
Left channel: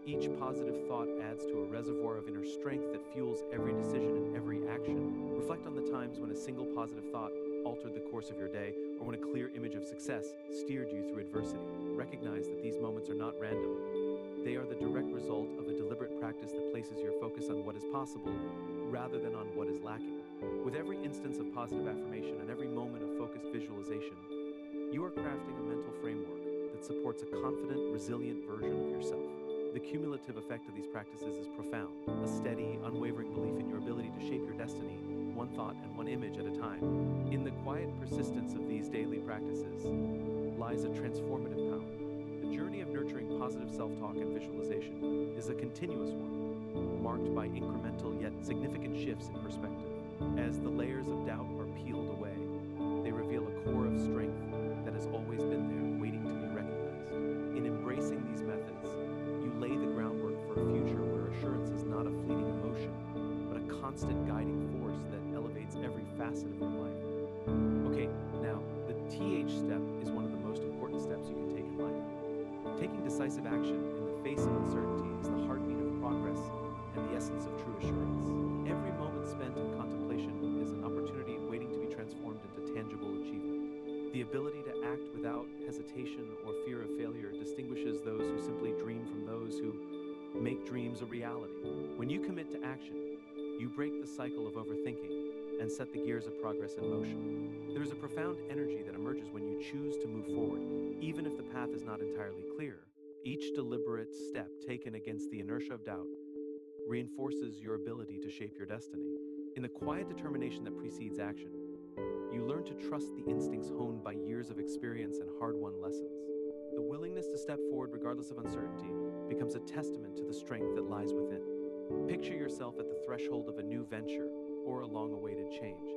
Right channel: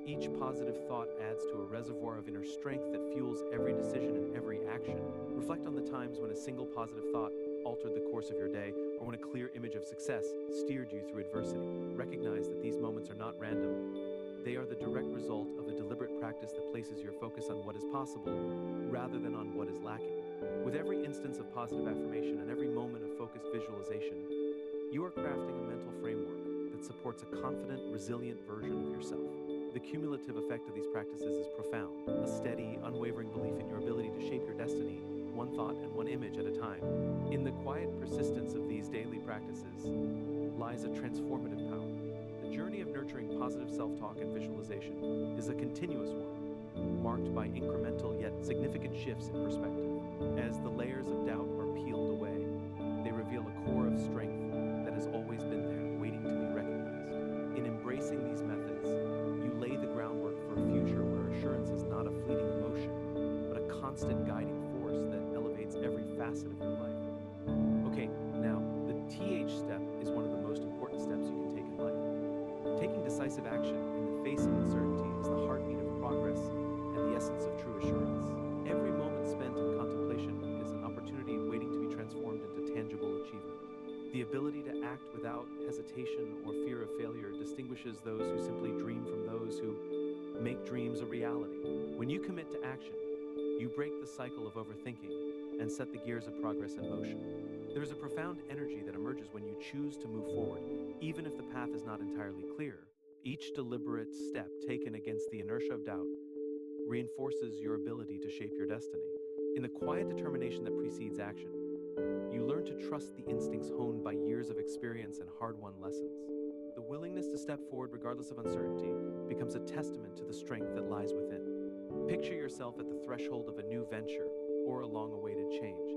Each positive thought adds to a reservoir of inner strength that fuels every decision and every action. Reflect on the times when a single positive thought altered the course of your day, or when a clear image of success steered you through adversity. Recognize that these moments are not random. They are the direct result of a deliberate practice that places your focus on what is possible rather than on what is lacking. With every instance of positive affirmation and every moment of focused visualization, you are crafting a mental framework that supports a confident, resilient version of yourself. The cumulative effect of these practices is profound, a steady, unwavering belief in your ability to shape your destiny, one thought and one image at a time. In the quiet persistence of these daily practices lies a transformative power. The journey of nurturing positive self-talk and visualization is a continuous one, marked by incremental yet significant shifts in perspective. As the layers of doubt are peeled away, they reveal a core of strength that has always been there, waiting to be recognized. In embracing these methods, you lay the groundwork for a future where assurance is not a fleeting emotion, but a constant guiding force that elevates every facet of your life. Okay, now, the TH step is one of the most important steps you can take in life. Taking decisive action in the face of uncertainty is the heartbeat of progress and the essence of true assurance. Every moment spent in contemplation is an opportunity waiting to be transformed into tangible achievement. The ability to act without hesitation or fear of failure distinguishes those who simply dream from those who make dreams a reality. When you commit to action, you break the cycle of overthinking and set the gears of progress in motion. There is a profound energy that emerges when you choose to move forward, even if the path is not entirely clear. Each deliberate step taken against the inertia of doubt reinforces your ability to shape your destiny. In the quiet determination that precedes action, you learn to trust the instincts honed by years of experience and hard-won lessons. The willingness to step forward regardless of uncertainty becomes a testament to the strength that lies within. Picture yourself at the threshold of a new venture or a long-awaited change.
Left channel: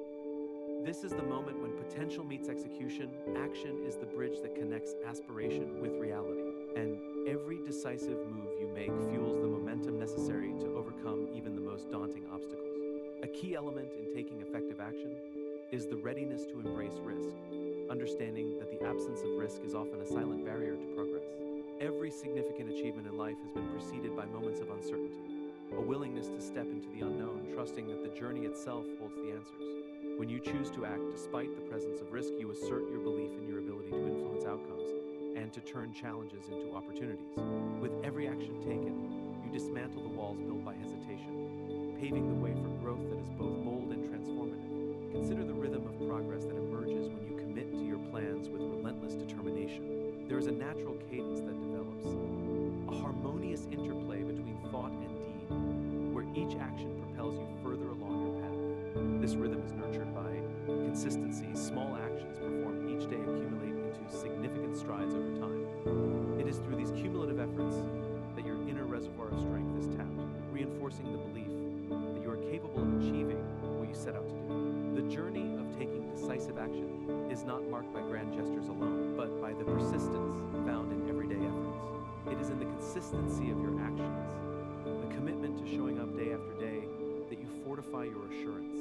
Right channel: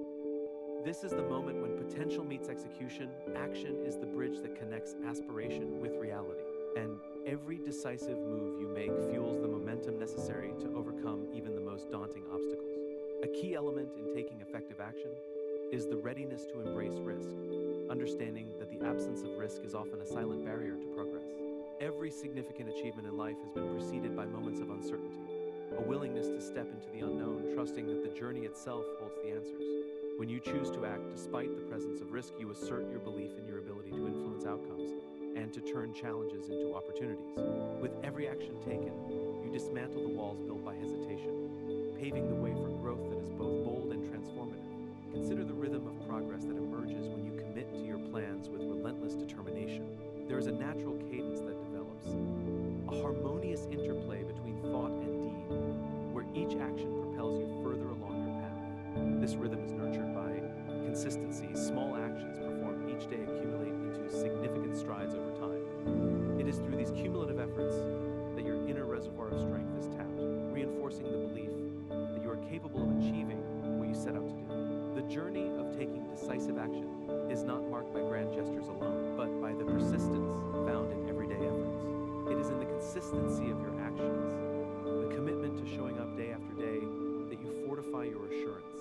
This is the moment when potential meets execution. Action is the bridge that connects aspiration with reality. And every decisive move you make fuels the momentum necessary to overcome even the most daunting obstacles. A key element in taking effective action is the readiness to embrace risk, understanding that the absence of risk is often a silent barrier to progress. Every significant achievement in life has been preceded by moments of uncertainty, a willingness to step into the unknown, trusting that the journey itself holds the answers. When you choose to act despite the presence of risk, you assert your belief in your ability to influence outcomes and to turn challenges into opportunities. With every action taken, you dismantle the walls built by hesitation, paving the way for growth that is both bold and transformative. Consider the rhythm of progress that emerges when you commit to your plans with relentless determination. There is a natural cadence that develops, a harmonious interplay between thought and deed, where each action propels you further along your path. This rhythm is nurtured by consistency. Small actions performed each day accumulate into significant strides over time. It is through these cumulative efforts that your inner reservoir of strength is tapped, reinforcing the belief that you are capable of achieving what you set out to do. The journey of taking decisive action is not marked by grand gestures alone, but by the persistence found in everyday efforts. It is in the consistency of your actions, the commitment to showing up day after day, that you fortify your assurance.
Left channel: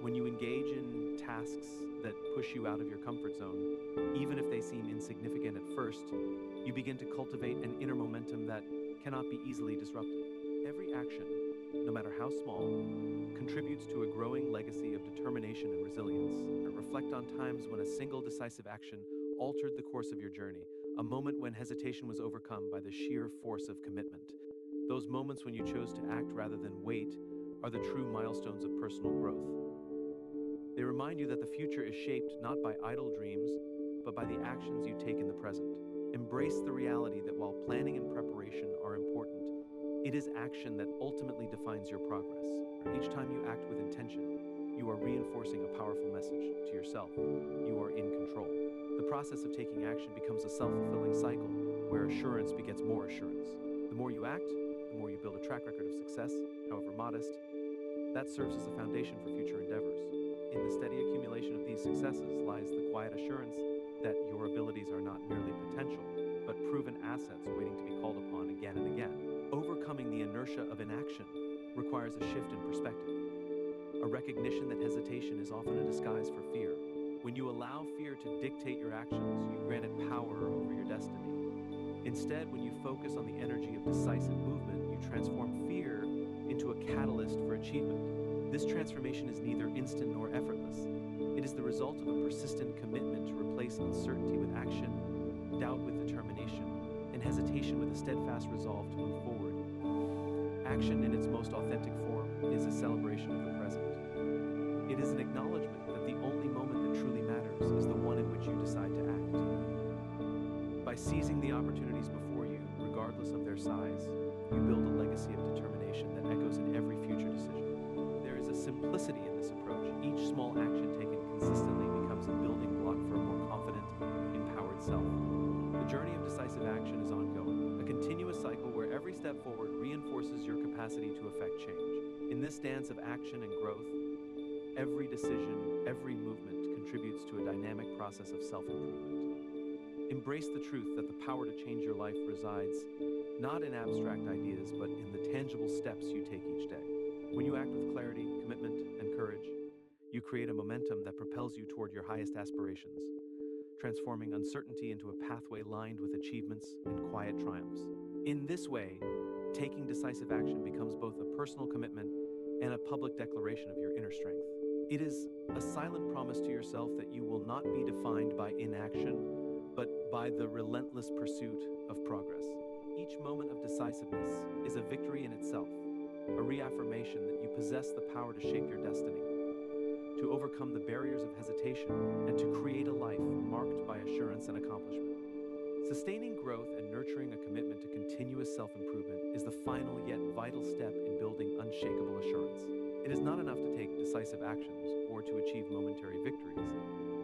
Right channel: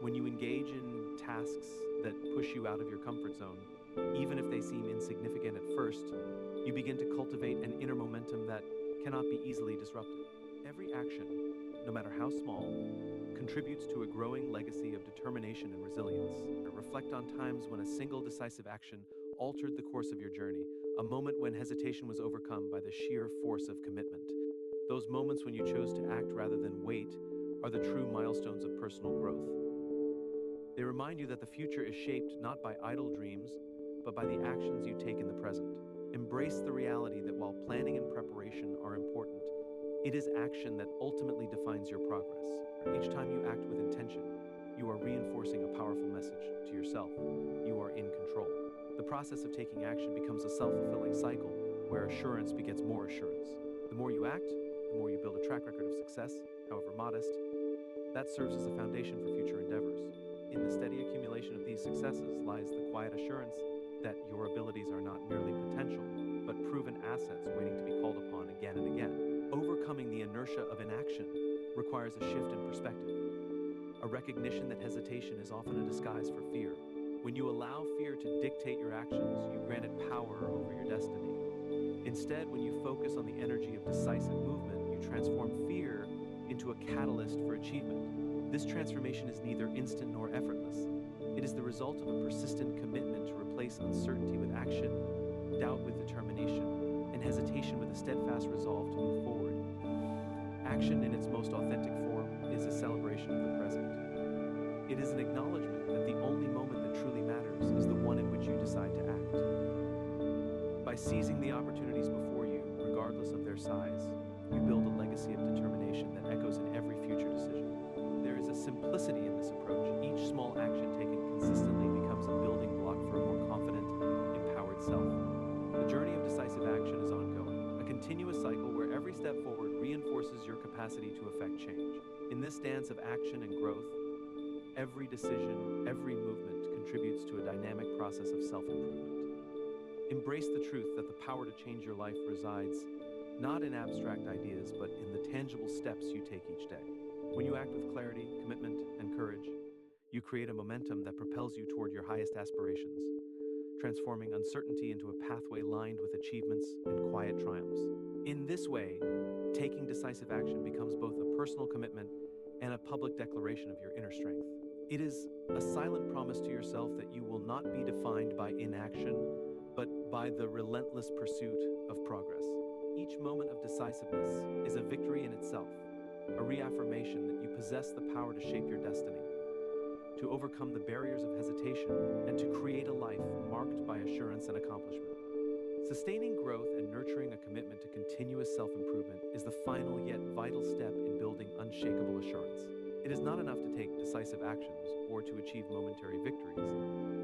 When you engage in tasks that push you out of your comfort zone, even if they seem insignificant at first, you begin to cultivate an inner momentum that cannot be easily disrupted. Every action, no matter how small, contributes to a growing legacy of determination and resilience. Reflect on times when a single decisive action altered the course of your journey, a moment when hesitation was overcome by the sheer force of commitment. Those moments when you chose to act rather than wait are the true milestones of personal growth. They remind you that the future is shaped not by idle dreams, but by the actions you take in the present. Embrace the reality that while planning and preparation are important, it is action that ultimately defines your progress. Each time you act with intention, you are reinforcing a powerful message to yourself. You are in control. The process of taking action becomes a self-fulfilling cycle where assurance begets more assurance. The more you act, the more you build a track record of success, however modest. That serves as a foundation for future endeavors. In the steady accumulation of these successes lies the quiet assurance that your abilities are not merely potential, but proven assets waiting to be called upon again and again. Overcoming the inertia of inaction requires a shift in perspective, a recognition that hesitation is often a disguise for fear. When you allow fear to dictate your actions, you grant it power over your destiny. Instead, when you focus on the energy of decisive movement, you transform fear into a catalyst for achievement. This transformation is neither instant nor effortless. It is the result of a persistent commitment to replace uncertainty with action, doubt with determination, and hesitation with a steadfast resolve to move forward. Action in its most authentic form is a celebration of the present. It is an acknowledgement that the only moment that truly matters is the one in which you decide to act. By seizing the opportunities before you, regardless of their size, you build a legacy of determination that echoes in every future decision. There is a simplicity in this approach. Each small action taken consistently becomes a building block for a more confident, empowered self. The journey of decisive action is ongoing, a continuous cycle where every step forward reinforces your capacity to affect change. In this dance of action and growth, every decision, every movement contributes to a dynamic process of self-improvement. Embrace the truth that the power to change your life resides not in abstract ideas, but in the tangible steps you take each day. When you act with clarity, commitment, and courage, you create a momentum that propels you toward your highest aspirations, transforming uncertainty into a pathway lined with achievements and quiet triumphs. In this way, taking decisive action becomes both a personal commitment and a public declaration of your inner strength. It is a silent promise to yourself that you will not be defined by inaction, but by the relentless pursuit of progress. Each moment of decisiveness is a victory in itself, a reaffirmation that you possess the power to shape your destiny, to overcome the barriers of hesitation, and to create a life marked by assurance and accomplishment. Sustaining growth and nurturing a commitment to continuous self-improvement is the final yet vital step in building unshakable assurance. It is not enough to take decisive actions or to achieve momentary victories.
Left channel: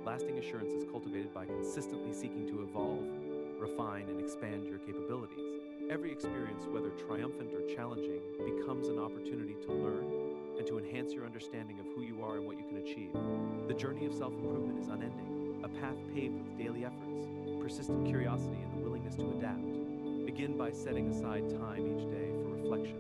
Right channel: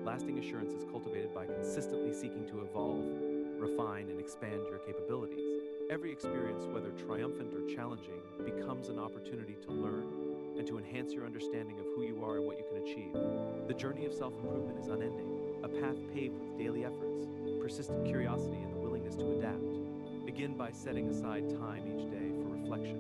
Lasting assurance is cultivated by consistently seeking to evolve, refine, and expand your capabilities. Every experience, whether triumphant or challenging, becomes an opportunity to learn and to enhance your understanding of who you are and what you can achieve. The journey of self-improvement is unending, a path paved with daily efforts, persistent curiosity, and the willingness to adapt. Begin by setting aside time each day for reflection.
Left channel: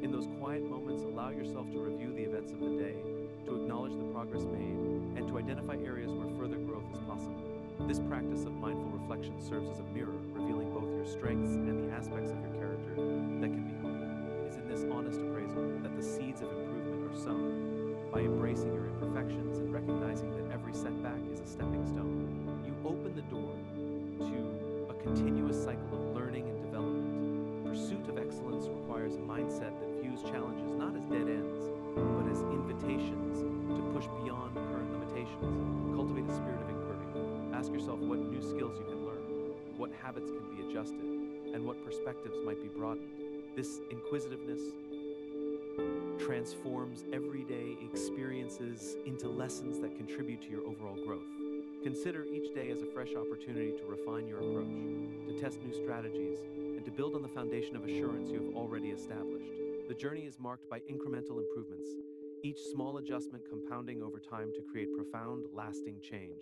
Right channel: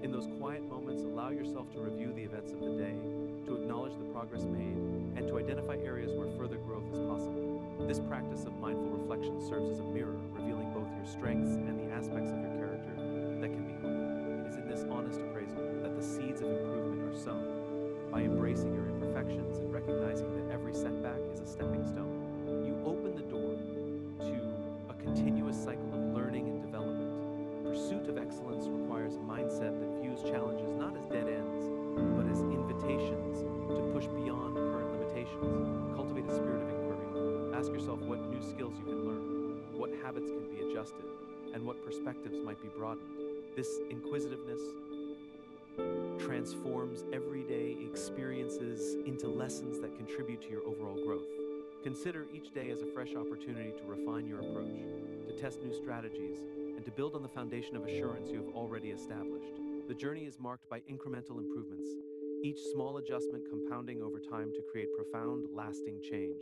In those quiet moments, allow yourself to review the events of the day, to acknowledge the progress made, and to identify areas where further growth is possible. This practice of mindful reflection serves as a mirror, revealing both your strengths and the aspects of your character that can be honed. It is in this honest appraisal that the seeds of improvement are sown. By embracing your imperfections and recognizing that every setback is a stepping stone, you open the door to a continuous cycle of learning and development. The pursuit of excellence excellence requires a mindset that views challenges not as dead ends, but as invitations to push beyond current limitations. Cultivate a spirit of inquiry. Ask yourself what new skills you can learn, what habits can be adjusted, and what perspectives might be broadened. This inquisitiveness transforms everyday experiences into lessons that contribute to your overall growth. Consider each day as a fresh opportunity to refine your approach, to test new strategies, and to build on the foundation of assurance you have already established. The journey is marked by incremental improvements, each small adjustment compounding over time to create profound, lasting change.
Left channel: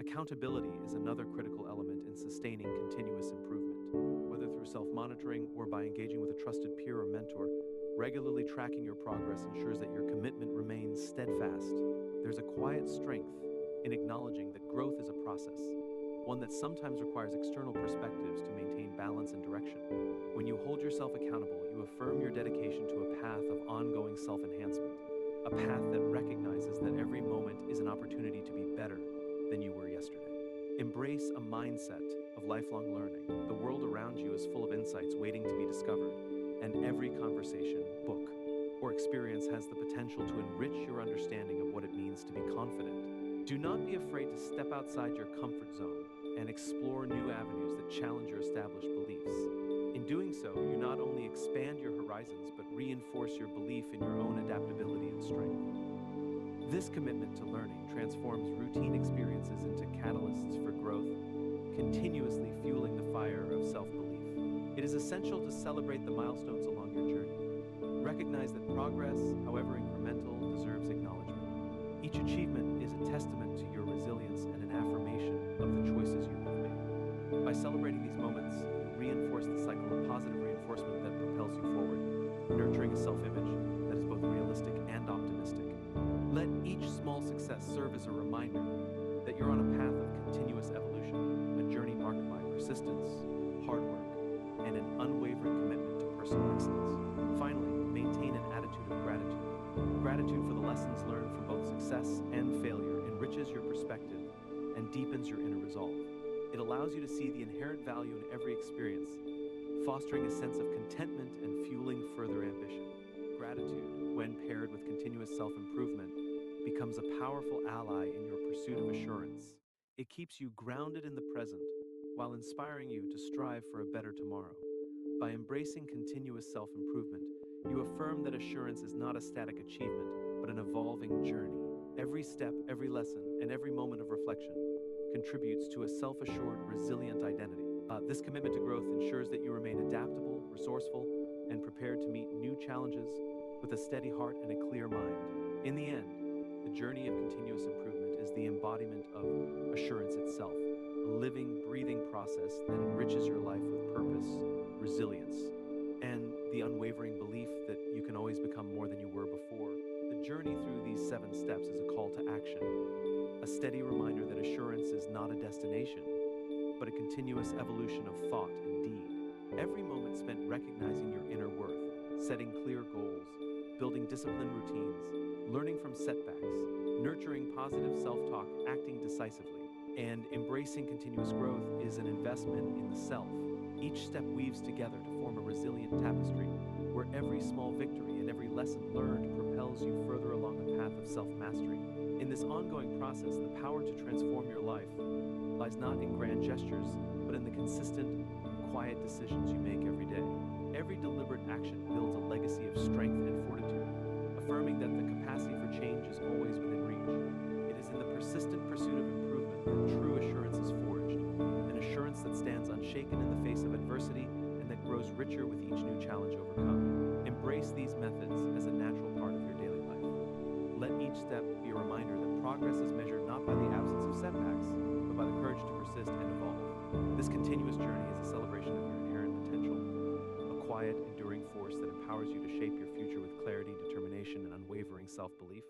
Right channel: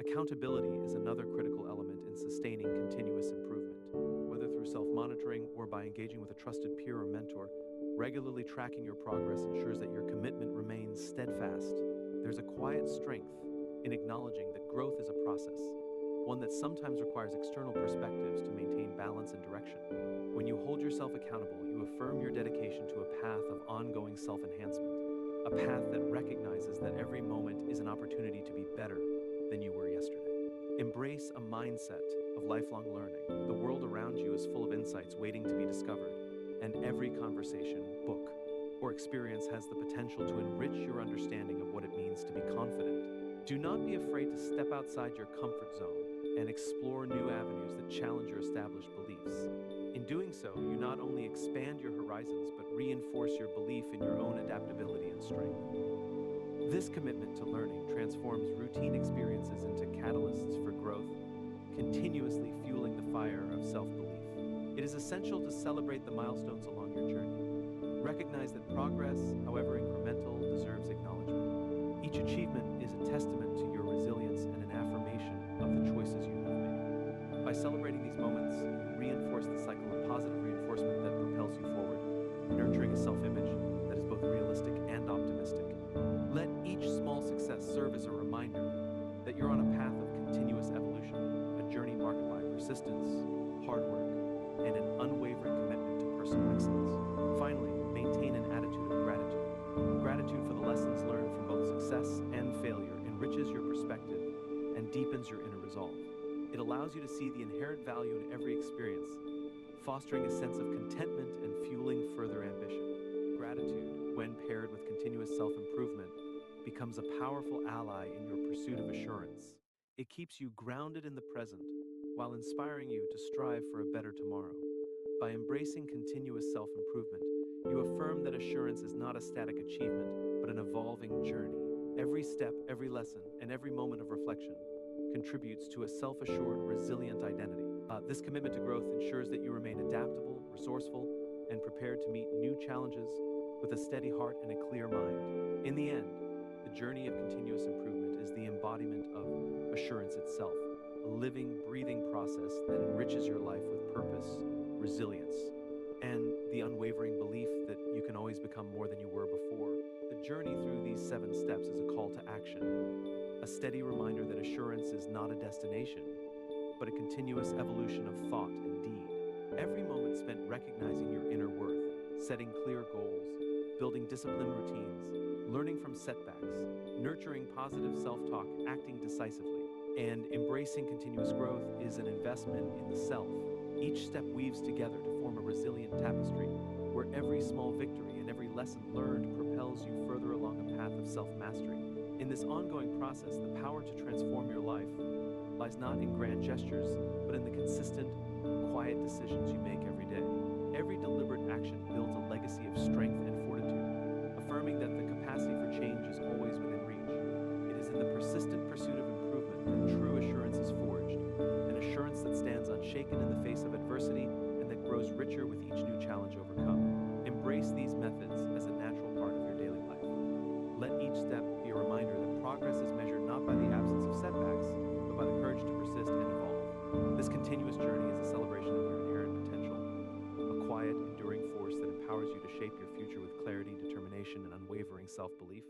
Accountability is another critical element in sustaining continuous improvement. Whether through self-monitoring or by engaging with a trusted peer or mentor, regularly tracking your progress ensures that your commitment remains steadfast. There's a quiet strength in acknowledging that growth is a process, one that sometimes requires external perspectives to maintain balance and direction. When you hold yourself accountable, you affirm your dedication to a path of ongoing self-enhancement, a path that recognizes that every moment is an opportunity to be better than you were yesterday. Embrace a mindset of lifelong learning. The world around you is full of insights waiting to be discovered, and every conversation, book, or experience has the potential to enrich your understanding of what it means to be confident. Do not be afraid to step outside your comfort zone and explore new avenues that challenge your established beliefs. In doing so, you not only expand your horizons, but reinforce your belief in your own adaptability and strength. This commitment to learning transforms routine experiences into catalysts for growth, continuously fueling the fire of self-belief. It is essential to celebrate the milestones along your journey. Recognize that progress, however incremental, deserves acknowledgement. Each achievement is a testament to your resilience and an affirmation of the choices you have made. By celebrating these moments, you reinforce the cycle of positive reinforcement that propels you forward, nurturing a self-image that is both realistic and optimistic. Let each small success serve as a reminder that you're on a path of continuous evolution, a journey marked by persistence, hard work, and an unwavering commitment to personal excellence. Finally, maintain an attitude of gratitude. Gratitude for the lessons learned from both success and failure enriches your perspective and deepens your inner resolve. It allows you to see the inherent value in every experience, fostering a sense of contentment and fueling further ambition. Gratitude, when paired with continuous self-improvement, becomes a powerful ally in your pursuit of assurance. It keeps you grounded in the present while inspiring you to strive for a better tomorrow. By embracing continuous self-improvement, you affirm that assurance is not a static achievement, but an evolving journey. Every step, every lesson, and every moment of reflection contributes to a self-assured, resilient identity. This commitment to growth ensures that you remain adaptable, resourceful, and prepared to meet new challenges with a steady heart and a clear mind. In the end, the journey of continuous improvement is the embodiment of assurance itself, a living, breathing process that enriches your life with purpose, resilience, and the unwavering belief that you can always become more than you were before. The journey through these 7 steps is a call to action, a steady reminder that assurance is not a destination, but a continuous evolution of thought and deed. Every moment spent recognizing your inner worth, setting clear goals, building disciplined routines, learning from setbacks, nurturing positive self-talk, acting decisively, and embracing continuous growth is an investment in the self. Each step weaves together to form a resilient tapestry, where every small victory and every lesson learned propels you further along a path of self-mastery. In this ongoing process, the power to transform your life lies not in grand gestures, but in the consistent, quiet decisions you make every day. Every deliberate action builds a legacy of strength and fortitude, affirming that the capacity for change is always within reach. It is in the persistent pursuit of improvement that true assurance is forged, an assurance that stands unshaken in the face of adversity and that grows richer with each new challenge overcome. Embrace these methods as a natural part of your daily life. Let each step be a reminder that progress is measured not by the absence of setbacks, but by the courage to persist and evolve. This continuous journey is a celebration of your inherent potential, a quiet, enduring force that empowers you to shape your future with clarity, determination, and unwavering self-belief.